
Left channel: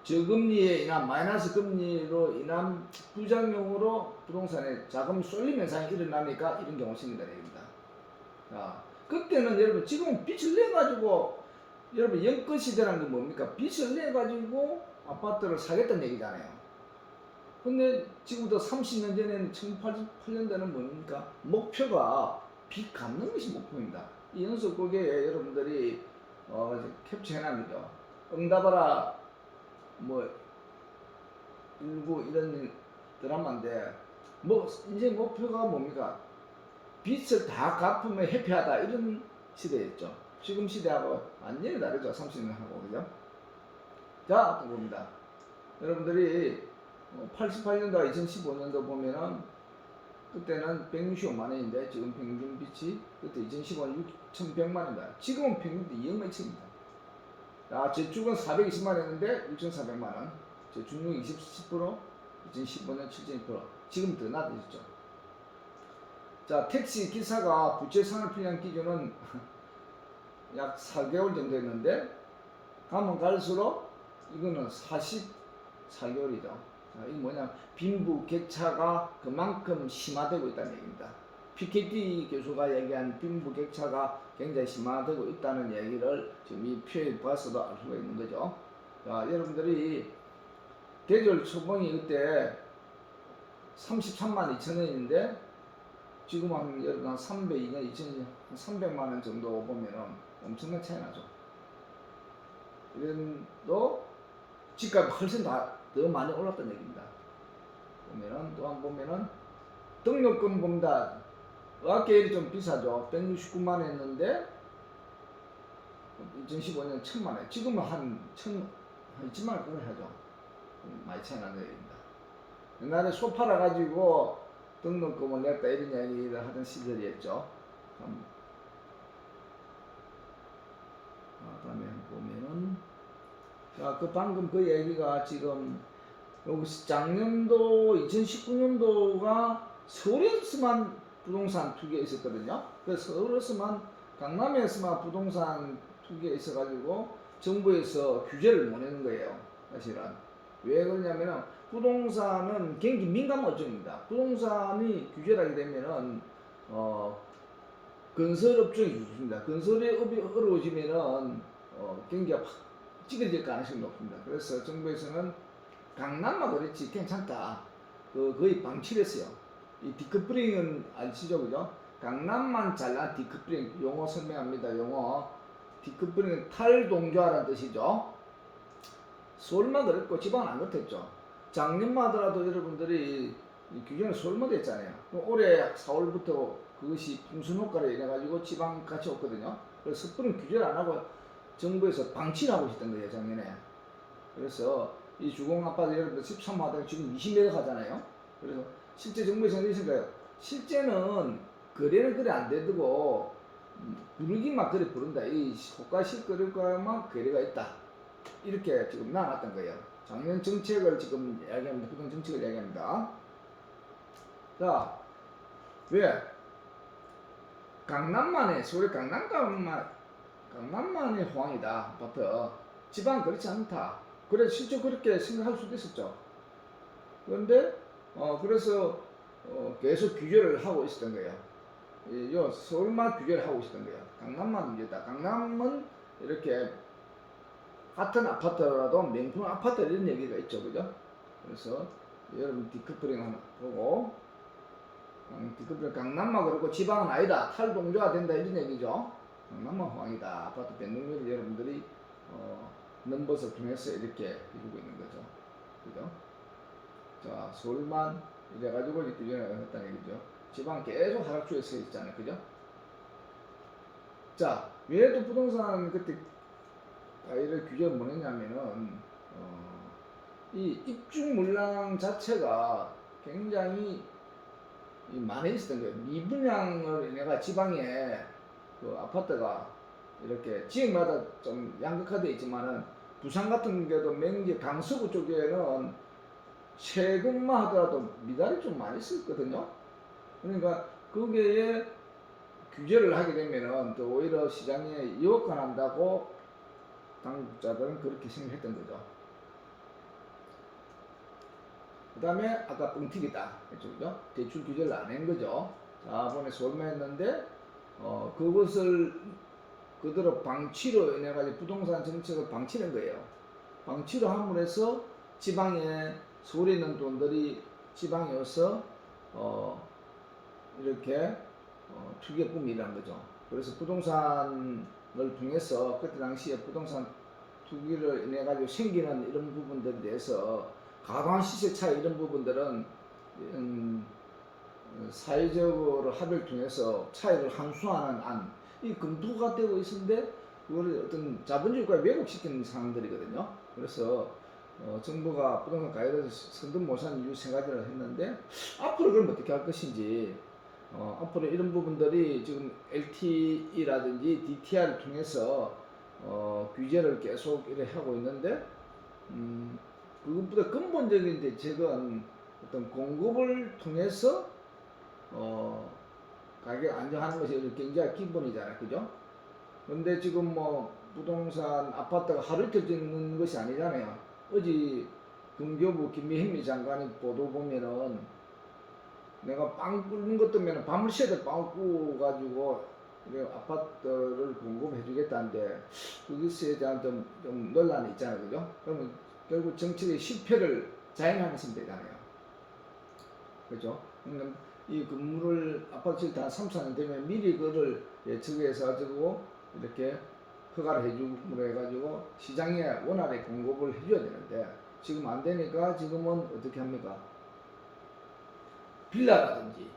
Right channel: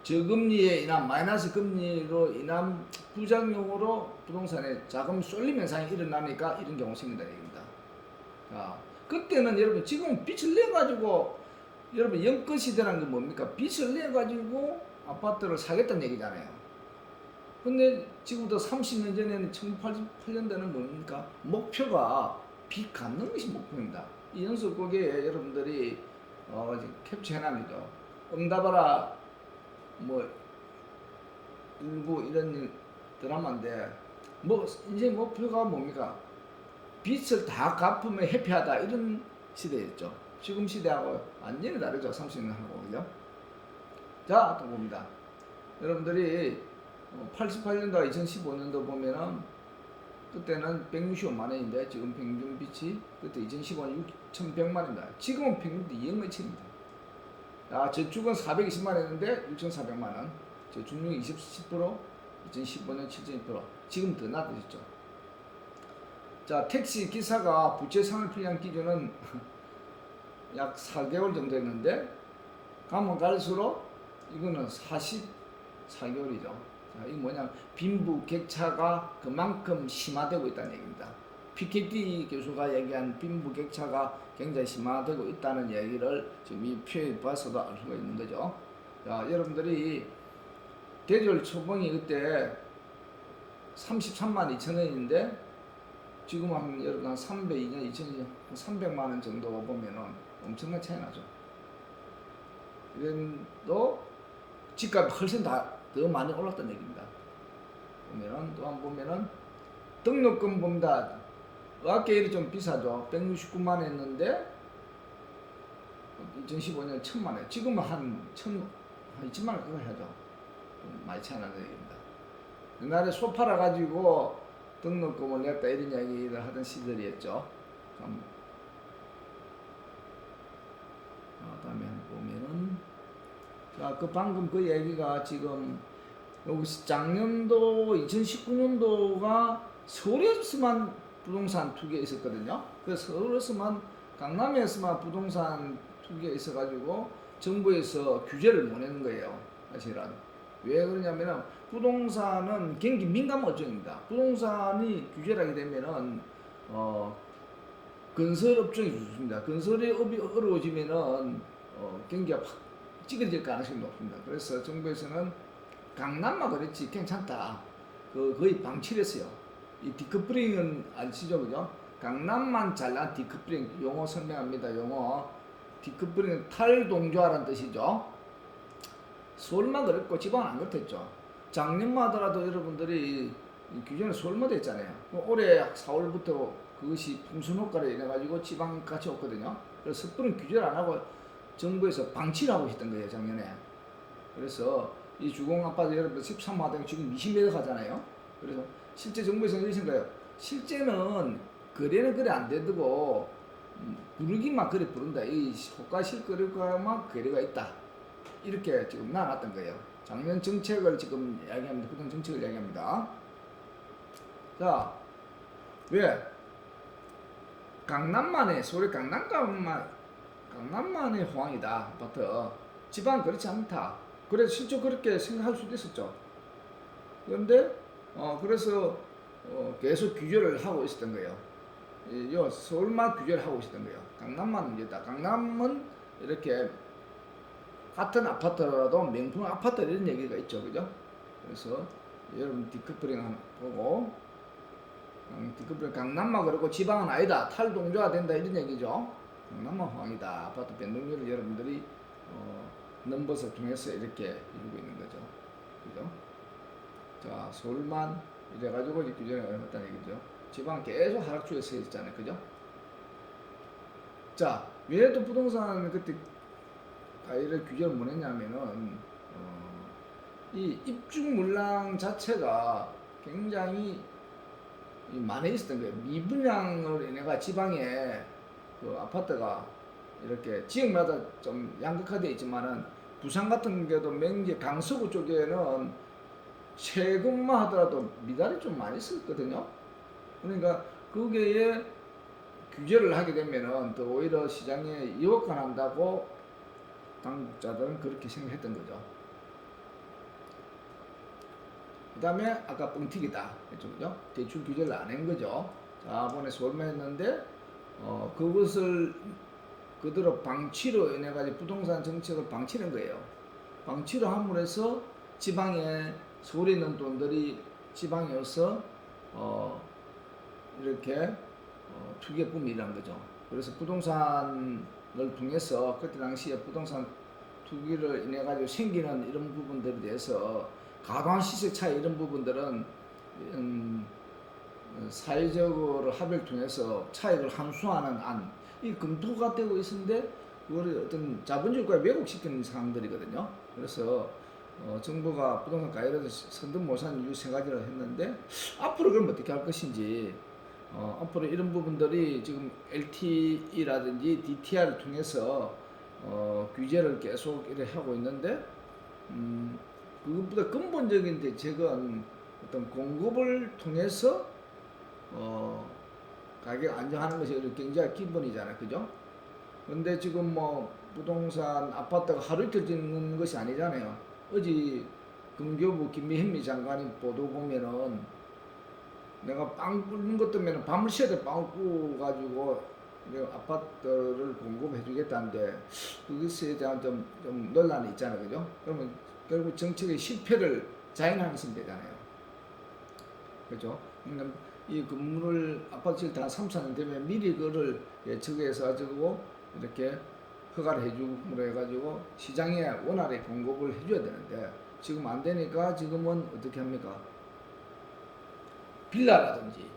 저금리에 인한 마이너스 금리로 인한 부작용으로 부동산에 자금 쏠림 현상이 일어나니까 이런 경우가 생긴다는 얘기입니다. 자, 그때는 여러분 지금 빚을 내가지고 여러분 연끌 시대라는 게 뭡니까? 빚을 내가지고 아파트를 사겠다는 얘기잖아요. 근데 지금부터 30년 전에는 1988년도에는 뭡니까? 목표가 빚 갚는 것이 목표입니다. 이 연속곡에 여러분들이 캡처해놓은 거죠. 응답하라 뭐 일부 이런 드라마인데 뭐 이제 목표가 뭡니까? 빚을 다 갚으면 해피하다 이런 시대였죠. 지금 시대하고 완전히 다르죠. 30년하고 그죠? 자, 또 봅니다. 여러분들이 88년도와 2015년도 보면은 그때는 165만 원인데 지금 평균 빚이 그때 2015년 6,100만 원입니다. 지금은 평균 2억 몇입니다. 저축은 420만 원인데 6,400만 원. 저축률 10%, 2015년 7.2%. 지금 더 낮아졌죠. 자, 택시 기사가 부채 상환 필요한 기준은 약 4개월 정도 했는데 가면 갈수록 이거는 44개월이죠. 자, 이게 뭐냐? 빈부격차가 그만큼 심화되고 있다는 얘기입니다. PKT 교수가 얘기한 빈부격차가 굉장히 심화되고 있다는 얘기를 지금 이 표에 봐서도 알 수가 있는 거죠. 자, 여러분들이 대졸 초봉이 그때 33만 2천 원인데 지금 여러분 한 302년 2000년 300만 원 정도 보면은 엄청난 차이 나죠. 이런도 집값이 훨씬 더 많이 올랐다는 얘기입니다. 보면은 또 한 보면은 등록금보다 의학계열이 좀 비싸죠. 169만 원 했는데 2015년 1000만 원. 지금은 한 2000만 원 그걸 하죠. 많이 차이 나는 얘기입니다. 옛날에 소 팔아 가지고 등록금을 냈다 이런 이야기를 하던 시절이었죠. 다음에 보면은 자, 그 방금 그 얘기가 지금 여기 작년도 2019년도가 서울에서만 부동산 투기에 있었거든요. 그래서 서울에서만 강남에서만 부동산 투기에 있어가지고 정부에서 규제를 못 내는 거예요. 사실은 왜 그러냐면은 부동산은 굉장히 민감 어종입니다. 부동산이 규제를 하게 되면은 건설업종이 좋습니다. 건설업이 어려워지면은 경기가 확 찌그러질 가능성이 높습니다. 그래서 정부에서는 강남만 그렇지 괜찮다. 거의 방치를 했어요. 이 디커플링은 아시죠, 그죠? 강남만 잘난 디커플링 용어 설명합니다. 용어 디커플링은 탈동조화라는 뜻이죠. 서울만 그랬고 지방은 안 그렇댔죠. 작년만 하더라도 여러분들이 이 규제는 서울마다 했잖아요. 올해 4월부터 그것이 풍선 효과를 인해가지고 지방같이 없거든요. 그래서 섣부른 규제를 안 하고 정부에서 방치를 하고 있었던 거예요, 작년에. 그래서 이 주공아파트 여러분들 13호가 지금 20m 가잖아요. 그래서 실제 정부에서 이러신 거예요. 실제는 거래는 그래 안 되고 부르기만 그래 부른다. 이 호가 실거래가만 거래가 있다. 이렇게 지금 나왔던 거예요. 작년 정책을 지금 이야기합니다. 부동 정책을 이야기합니다. 자, 왜? 강남만의 서울의 강남만의 호황이다. 아파트. 지방 그렇지 않다. 그래서 실제 그렇게 생각할 수도 있었죠. 그런데 그래서 계속 규제를 하고 있었던 거예요. 요 서울만 규제를 하고 있었던 거예요. 강남만 문제다. 강남은 이렇게 같은 아파트라도 명품 아파트 이런 얘기가 있죠, 그죠? 그래서 여러분 디커플링 한번 보고 디커플링 강남만 그렇고 지방은 아니다. 탈동조화 된다 이런 얘기죠. 강남만 호황이다. 아파트 변동률을 여러분들이 넘버서 통해서 이렇게 이루고 있는 거죠, 그죠? 자, 서울만 이래가지고 이제 규제를 했다는 얘기죠. 지방 계속 하락주에 서 있잖아요, 그죠? 자, 왜 또 부동산 그때 이를 규제를 못 했냐면은 이 입주 물량 자체가 굉장히 많이 있었던 거예요. 미분양을 인해가 지방에 그 아파트가 이렇게 지역마다 좀 양극화되어 있지만은 부산 같은 경우도 맹지 강서구 쪽에는 최근만 하더라도 미달이 좀 많이 썼거든요. 그러니까 거기에 규제를 하게 되면은 또 오히려 시장에 유혹한다고 당국자들은 그렇게 생각했던 거죠. 그 다음에 아까 뻥튀기다 했죠, 그죠? 대출 규제를 안 한 거죠. 자본에 서울만 했는데 그것을 그대로 방치로 인해 가지고 부동산 정책을 방치한 거예요. 방치로 함으로 해서 지방에 서울에 있는 돈들이 지방에 와서 이렇게 투기에 뿜이 일어난 거죠. 그래서 부동산을 통해서 그때 당시에 부동산 투기를 인해 가지고 생기는 이런 부분들에 대해서 과도한 시세 차이 이런 부분들은 사회적으로 합의를 통해서 차익을 환수하는 안, 이 검토가 되고 있었는데 그걸 어떤 자본주의국가에 왜곡시키는 상황들이거든요. 그래서 정부가 부동산 가이드를 선뜻 못한 이유 세 가지를 했는데 앞으로 그럼 어떻게 할 것인지 앞으로 이런 부분들이 지금 LTE라든지 DTR을 통해서 규제를 계속 이렇게 하고 있는데 그것보다 근본적인 대책은 어떤 공급을 통해서 가격 안정하는 것이 굉장히 기본이잖아요, 그죠? 근데 지금 뭐 부동산 아파트가 하루 이틀 짓는 것이 아니잖아요. 어제 금교부 김미현미 장관이 보도 보면은 내가 빵 굽는 것 때문에 밤을 새도 빵을 구워가지고 아파트를 공급해 주겠다는데 그것에 대한 좀 논란이 있잖아요, 그죠? 그러면 결국 정책의 실패를 자행하는 셈 되잖아요, 그죠? 그러니까 이 건물을 아파트 지을 때 한 3, 4년 되면 미리 그거를 예측해서 가지고 이렇게 허가를 해주므로 해가지고 시장에 원활하게 공급을 해줘야 되는데 지금 안 되니까 지금은 어떻게 합니까? 빌라라든지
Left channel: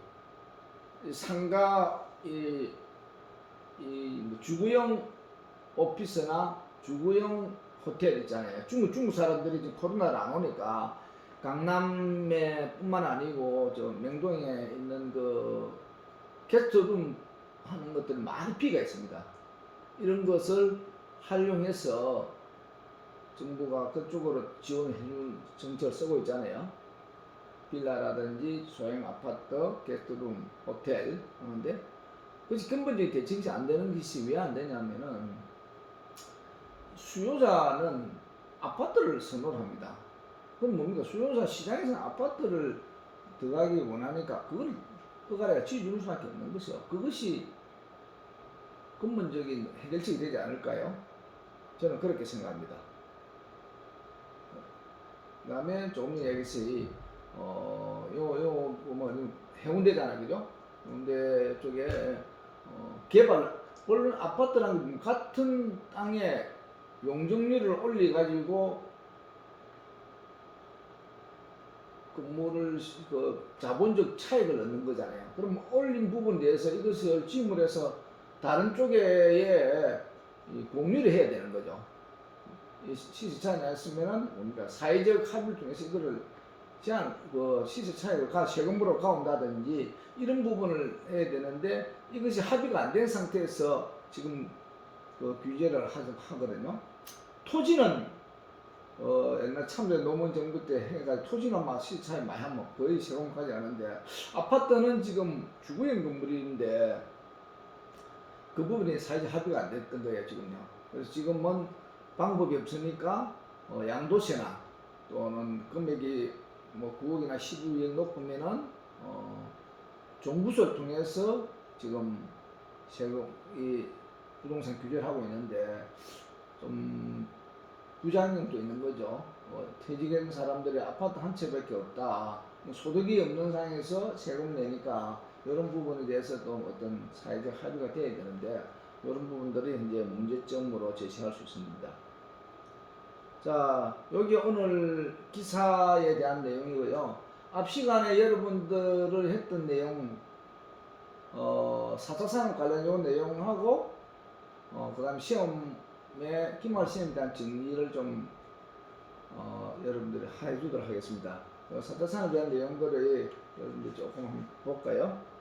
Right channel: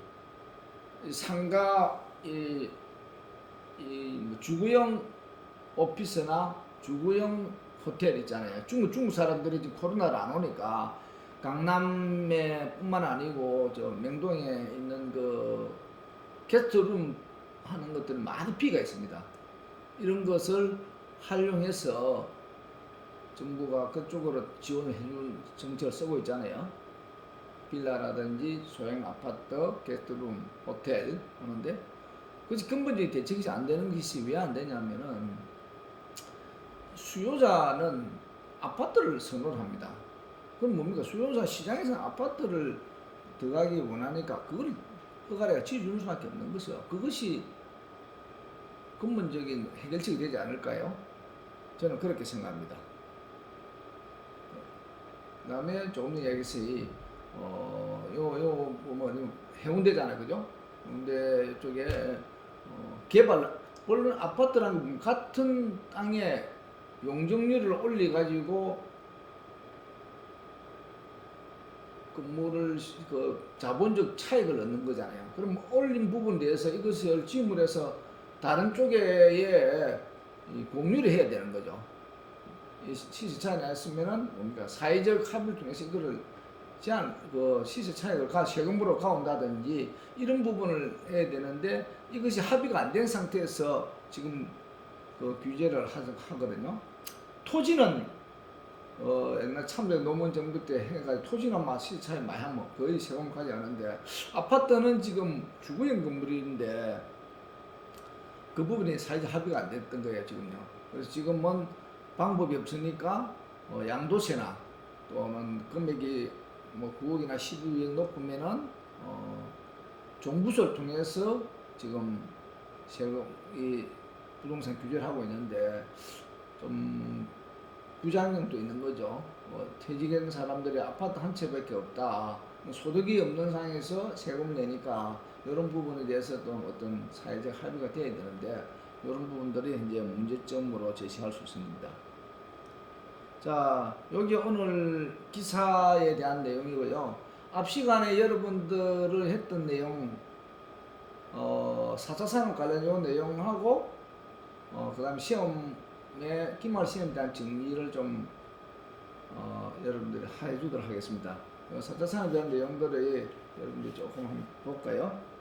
상가 뭐 주거용 오피스나 주거용 호텔 있잖아요. 중국 사람들이 지금 코로나를 안 오니까 강남에 뿐만 아니고 저 명동에 있는 그 게스트룸 하는 것들은 많이 비가 있습니다. 이런 것을 활용해서 정부가 그쪽으로 지원을 해주는 정책을 쓰고 있잖아요. 빌라라든지 소형 아파트, 게스트룸, 호텔 하는데 그것이 근본적인 대책이 안 되는 것이 왜 안 되냐면은 수요자는 아파트를 선호를 합니다. 그럼 뭡니까? 수요자 시장에서는 아파트를 들어가기 원하니까 그걸 허가를 지어주는 수밖에 없는 것이요. 그것이 근본적인 해결책이 되지 않을까요? 저는 그렇게 생각합니다. 그다음에 조금 전에 얘기했듯이 뭐 해운대잖아요, 그죠? 해운대 쪽에 물론 아파트랑 같은 땅에 용적률을 올려가지고 그 자본적 차익을 얻는 거잖아요. 그럼 올린 부분에 대해서 이것을 지음을 해서 다른 쪽에 공유를 해야 되는 거죠. 시세 차익이 났으면은 그러니까 사회적 합의를 통해서 이거를 시세 차익을 세금으로 가온다든지 이런 부분을 해야 되는데 이것이 합의가 안 된 상태에서 지금 그 규제를 하거든요. 토지는 옛날 참여 노무현 정부 때 해가지고 토지는 막 시세 차익 많이 하면 거의 세금까지 하는데 아파트는 지금 주거용 건물인데 그 부분이 사회적 합의가 안 됐던 거예요 지금요. 그래서 지금은 방법이 없으니까 양도세나 또는 금액이 뭐 9억이나 12억 높으면은 종부세를 통해서 지금 이 부동산 규제를 하고 있는데 좀 부작용도 있는 거죠. 퇴직한 사람들이 아파트 한 채밖에 없다. 소득이 없는 상황에서 세금을 내니까 이런 부분에 대해서도 어떤 사회적 합의가 돼야 되는데 이런 부분들이 현재 문제점으로 제시할 수 있습니다. 자, 여기 오늘 기사에 대한 내용이고요. 앞 시간에 여러분들을 했던 내용, 4차 산업 관련 요 내용하고, 그 다음에 시험에, 기말 시험에 대한 정리를 좀, 여러분들이 해주도록 하겠습니다. 4차 산업에 대한 내용들을 여러분들이 조금 한번 볼까요?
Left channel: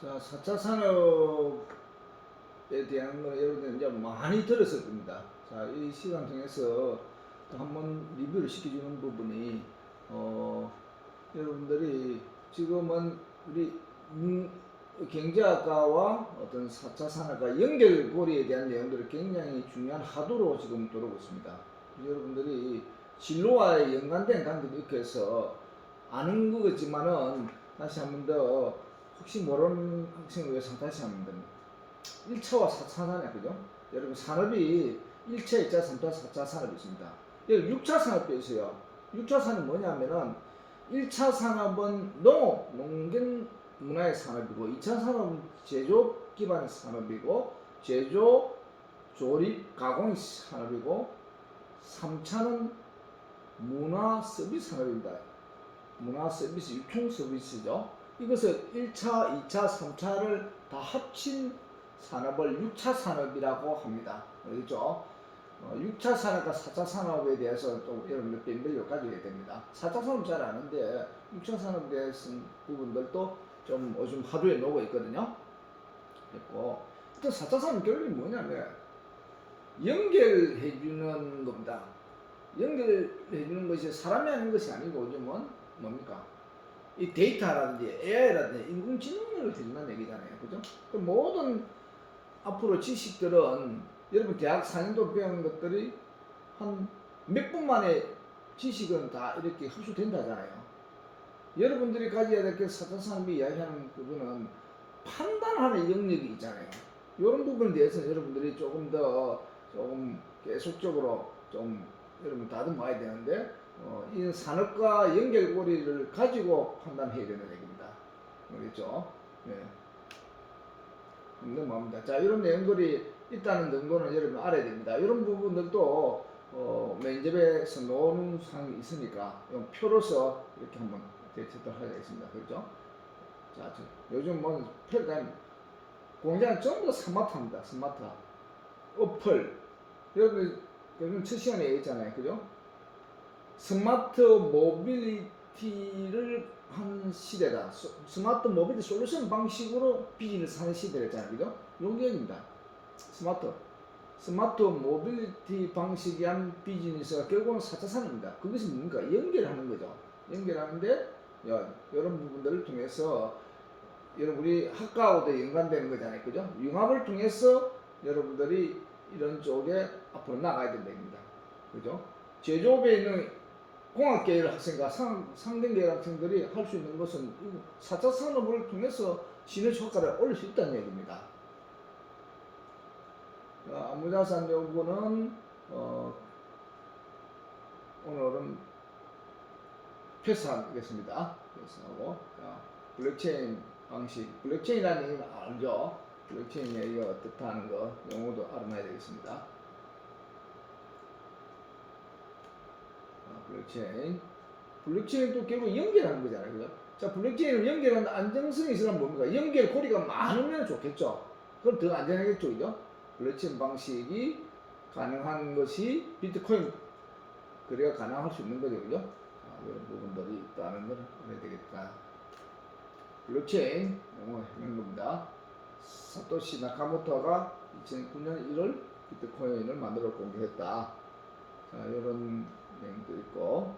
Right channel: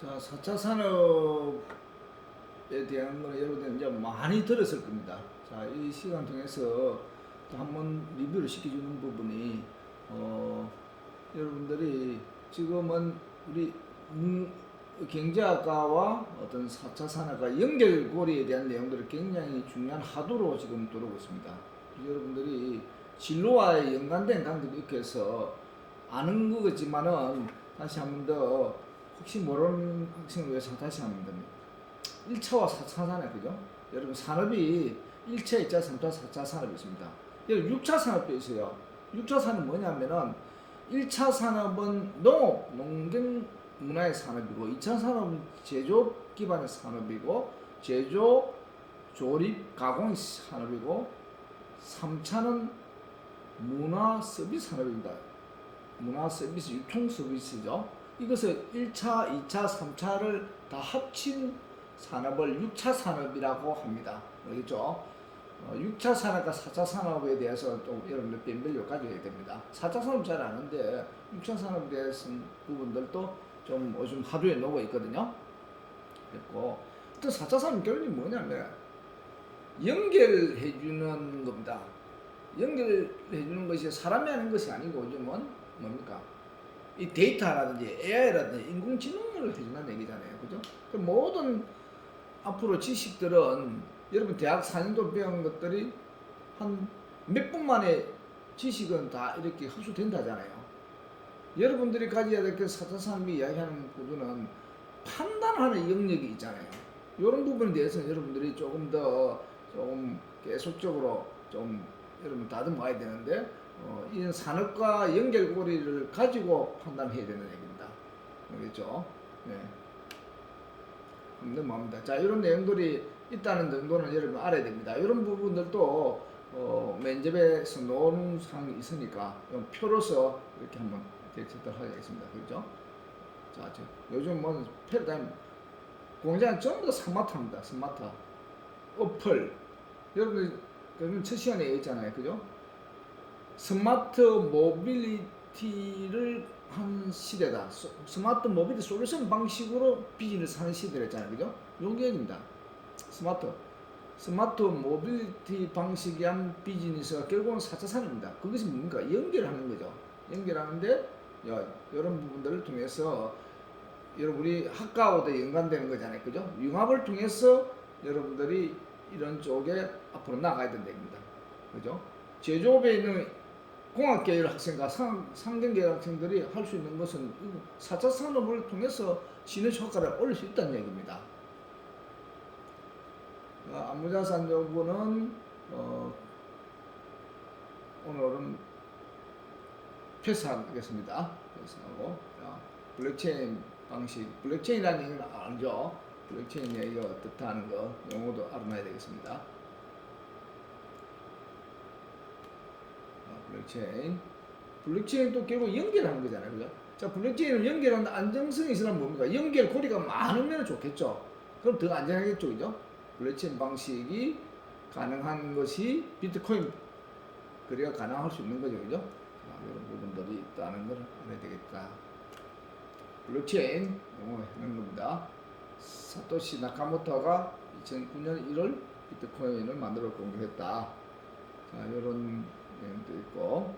자, 4차 산업에 대한 거 여러분들 이제 많이 들었을 겁니다. 자, 이 시간 통해서 또 한번 리뷰를 시켜주는 부분이, 여러분들이 지금은 우리 경제학과와 어떤 4차 산업과 연결고리에 대한 내용들이 굉장히 중요한 하도로 지금 들어오고 있습니다. 여러분들이 진로와의 연관된 관계도 있고 해서 아는 거겠지만은 다시 한 번 더 혹시 모르는 학생을 위해서 다시 한 번 더 1차와 4차 산업, 그죠? 여러분 산업이 1차, 2차, 3차, 4차 산업이 있습니다. 여기 6차 산업도 있어요. 6차 산업 뭐냐면은 1차 산업은 농업, 농경 문화의 산업이고 2차 산업은 제조업 기반의 산업이고 제조, 조립, 가공 산업이고 3차는 문화 서비스 산업입니다. 문화 서비스, 유통 서비스죠. 이것을 1차, 2차, 3차를 다 합친 산업을 6차 산업이라고 합니다. 알겠죠? 6차 산업과 4차 산업에 대해서 좀 여러분들辨별력 가져야 됩니다. 4차 산업 잘 아는데 6차 산업에 대해서 부분들도 좀 요즘 하도에 놓고 있거든요. 그리고 또 4차 산업 결론이 뭐냐면 연결해주는 겁니다. 연결해주는 것이 사람이 하는 것이 아니고 요즘은 뭡니까? 이 데이터라든지 AI라든지 인공지능을 해준다는 얘기잖아요. 그죠? 모든 앞으로 지식들은 여러분 대학 4년도 배운 것들이 한 몇 분 만에 지식은 다 이렇게 흡수된다잖아요. 여러분들이 가져야 될 게 4차 산업이 이야기하는 부분은 판단하는 영역이 있잖아요. 이런 부분에 대해서는 여러분들이 조금 더 좀 계속적으로 좀 여러분 다듬어야 되는데 이 산업과 연결고리를 가지고 판단해야 되는 얘기입니다. 알겠죠? 네. 넘어갑니다. 자, 이런 내용들이 있다는 정도는 여러분 알아야 됩니다. 이런 부분들도 면접에서 나오는 사항이 있으니까 표로서 이렇게 한번 대처를 하겠습니다. 그렇죠? 자, 요즘 뭐 패러다임 공장 전부 다 스마트합니다. 스마트. 어플. 여러분 첫 시간에 얘기했잖아요. 그죠? 스마트 모빌리티를 한 시대다. 스마트 모빌리티 솔루션 방식으로 비즈니스 하는 시대를 했잖아요. 그죠? 용기입니다. 스마트 모빌리티 방식이 한 비즈니스가 결국은 4차 산업입니다. 그것이 뭡니까? 연결하는 거죠. 연결하는데 이런 부분들을 통해서 여러분 우리 학과하고도 연관되는 거잖아요. 그죠? 융합을 통해서 여러분들이 이런 쪽에 앞으로 나가야 된다입니다. 그죠? 제조업에 있는 공학계열 학생과 상경계열 학생들이 할 수 있는 것은 4차 산업을 통해서 시너지 효과를 올릴 수 있다는 얘기입니다. 안무자산 연구는 오늘은 패스하겠습니다. 패스하고 블록체인 방식, 블록체인이라는 얘기는 알죠? 블록체인 얘기가 어떻다 하는 거 용어도 알아놔야 되겠습니다. 블록체인도 결국 연결하는 거잖아요. 그죠? 자, 블록체인을 연결하는 안정성이 있으면 뭡니까? 연결고리가 많으면 좋겠죠. 그럼 더 안전하겠죠. 그죠? 블록체인 방식이 가능한 것이 비트코인 거래가 가능할 수 있는 거죠. 그죠? 자, 이런 부분들이 있다는 걸 알아야 되겠다. 블록체인 용어 하는 겁니다. 사토시 나카모토가 2009년 1월 비트코인을 만들어 공개했다. 자, 이런 내용도 있고.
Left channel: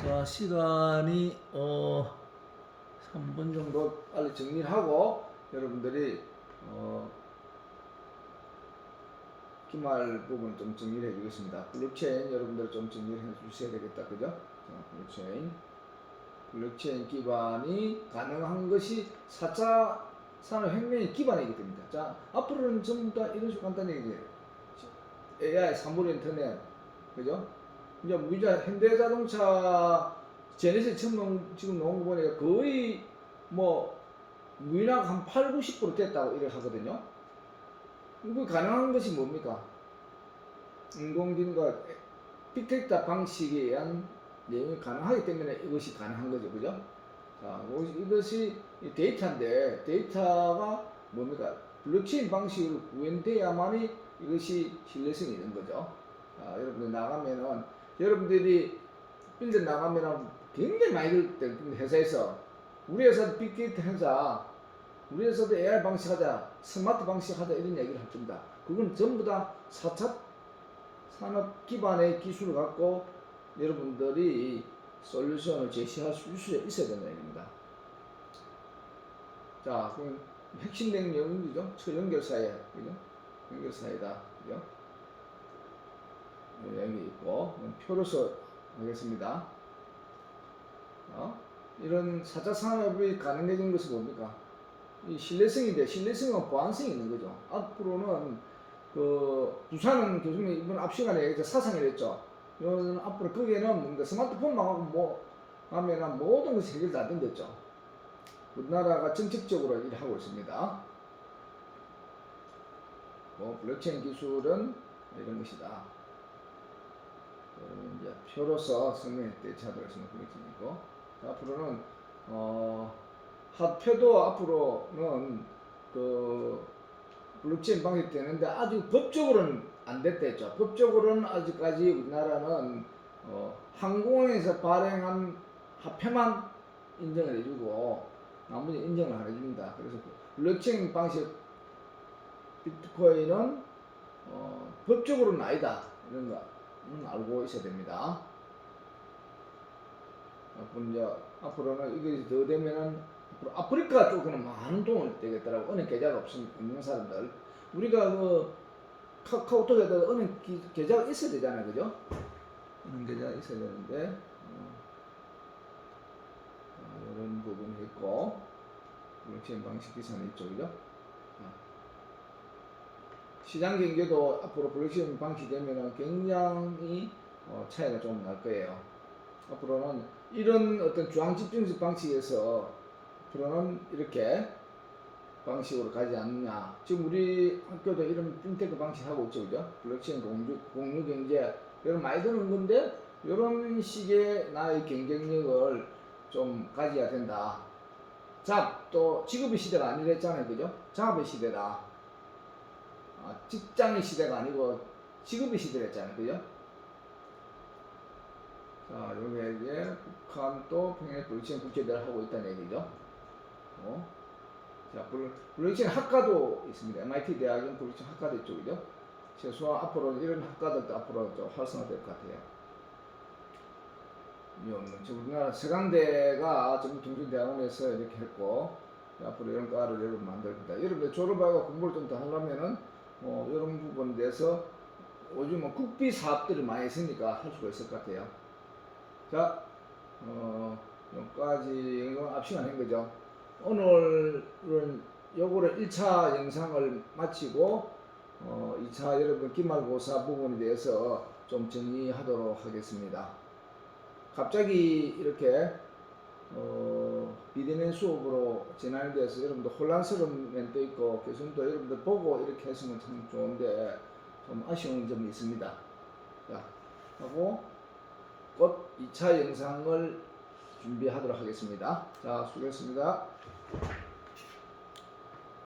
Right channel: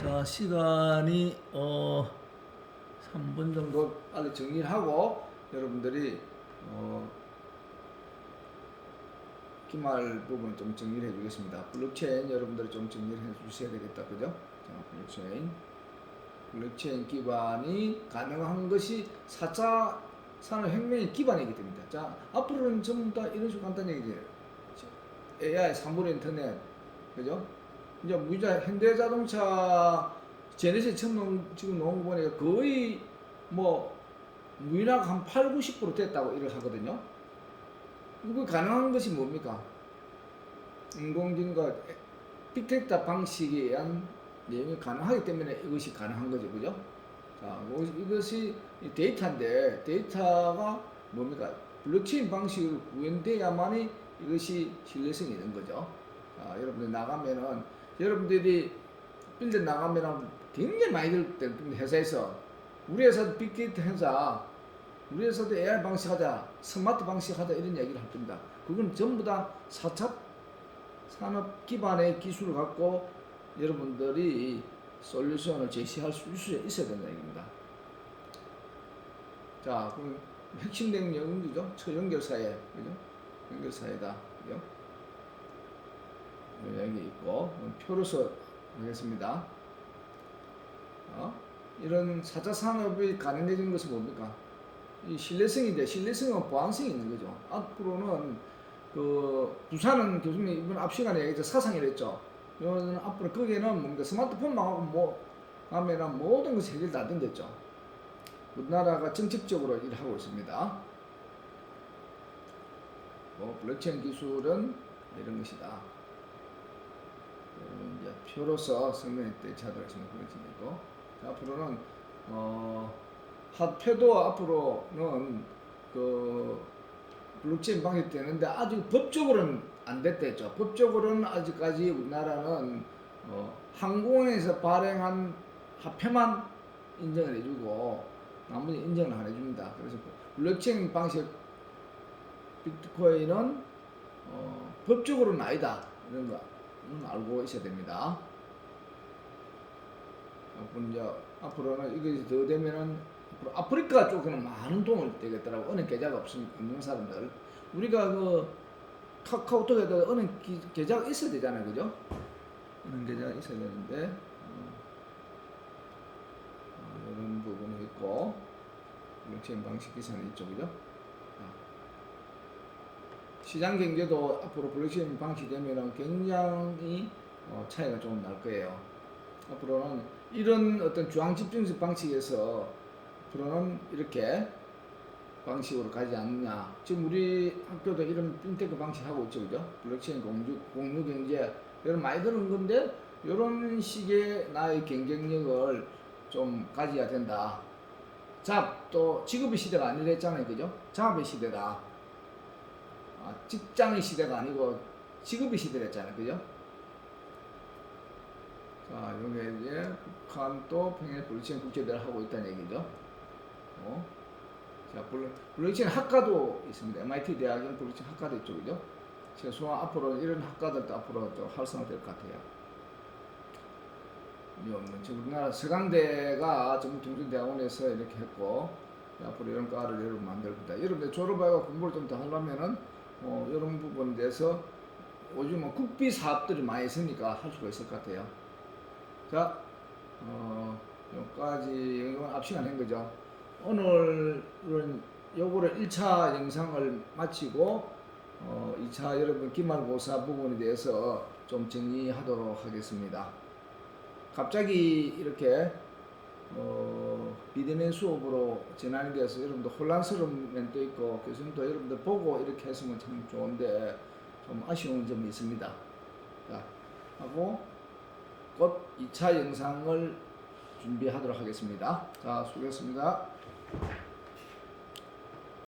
자, 시간이 3분 정도 빨리 정리를 하고 여러분들이 기말 부분 좀 정리를 해주겠습니다. 블록체인 여러분들 좀 정리를 해주셔야 되겠다, 그죠? 자, 블록체인 기반이 가능한 것이 4차 산업혁명의 기반이기 때문에. 자, 앞으로는 전부 다 이런 식으로 간단히 얘기해요. AI, 3분 인터넷, 그죠? 이제 우리가 현대자동차 제네시스 처음 지금 나온 거 보니까 거의 뭐 무인화가 한 8, 90% 됐다고 이렇게 하거든요. 이거 가능한 것이 뭡니까? 인공지능과 빅데이터 방식에 의한 내용이 가능하기 때문에 이것이 가능한 거죠. 그죠? 자, 이것이 데이터인데 데이터가 뭡니까? 블록체인 방식으로 구현돼야만이 이것이 신뢰성이 있는 거죠. 자, 여러분들 나가면은 여러분들이 빌드 나가면은 굉장히 많이 들 때는 회사에서 우리 회사도 빅데이터 하자, 우리 회사도 AI 방식 하자, 스마트 방식 하자 이런 얘기를 할 겁니다. 그건 전부 다 4차 산업 기반의 기술을 갖고 여러분들이 솔루션을 제시할 수 있어야 된다는 얘기입니다. 자, 그럼 핵심된 내용이죠. 초연결사회, 그죠? 연결사회다, 그죠? 여기 있고 표로서 하겠습니다. 이런 4차 산업이 가능해진 것은 뭡니까? 이 신뢰성인데 신뢰성은 보안성이 있는 거죠. 앞으로는 그 부산은 교수님 이번 앞 시간에 얘기했죠. 사상이랬죠. 이거는 앞으로 거기에는 뭔가 스마트폰만 하고 뭐 하면은 모든 것이 해결 다 된댔죠. 우리나라가 정책적으로 일을 하고 있습니다. 블록체인 기술은 이런 것이다. 여러분 이제 표로서 설명해 대체하도록 하겠습니다. 블록체인이고. 앞으로는 화폐도 앞으로는 그 블록체인 방식이 되는데 아직 법적으로는 안 됐댔죠. 법적으로는 아직까지 우리나라는 항공에서 발행한 화폐만 인정을 해주고 나머지 인정을 안 해줍니다. 그래서 블록체인 방식 비트코인은 법적으로는 아니다. 이런 거 알고 있어야 됩니다. 앞으로는 이게 더 되면은 아프리카 쪽에는 많은 도움이 되겠더라고. 은행 계좌가 없는 사람들. 우리가 그 카카오톡에다 은행 계좌가 있어야 되잖아요, 그죠? 은행 계좌가 있어야 되는데 이런 부분이 있고 블록체인 방식 기사는 있죠, 그죠? 시장 경제도 앞으로 블록체인 방식이 되면은 굉장히 차이가 좀 날 거예요. 앞으로는 이런 어떤 중앙 집중식 방식에서 앞으로는 이렇게 방식으로 가지 않느냐. 지금 우리 학교도 이런 핀테크 방식 하고 있죠, 그죠? 블록체인 공유 경제 이런 많이 드는 건데 이런 식의 나의 경쟁력을 좀 가져야 된다. 자, 또 직업의 시대가 아니랬잖아요, 그죠? 작업의 시대다. 직장의 시대가 아니고 직업의 시대랬잖아요, 그죠? 자, 여기에 이제 북한도 평양 블록체인 국제대회를 하고 있다는 얘기죠. 자, 블록체인 학과도 있습니다. MIT 대학은 블록체인 학과도 있죠, 그죠? 최소한 앞으로 이런 학과들도 앞으로 좀 활성화될 것 같아요. 지금 우리나라 서강대가 정통대학원에서 이렇게 했고 앞으로 이런 과를 여러분 만들 겁니다. 여러분들 졸업하고 공부를 좀 더 하려면은 이런 부분에 대해서 요즘 국비 사업들이 많이 있으니까 할 수가 있을 것 같아요. 자, 여기까지 이건 앞 시간 한 거죠. 오늘은 요거를 1차 영상을 마치고 2차 여러분 기말고사 부분에 대해서 좀 정리하도록 하겠습니다. 갑자기 이렇게 비대면 수업으로 진행이 돼서 여러분들 혼란스러운 면도 있고 교수님도 여러분들 보고 이렇게 했으면 참 좋은데 좀 아쉬운 점이 있습니다. 자, 하고 곧 2차 영상을 준비하도록 하겠습니다. 자, 수고했습니다.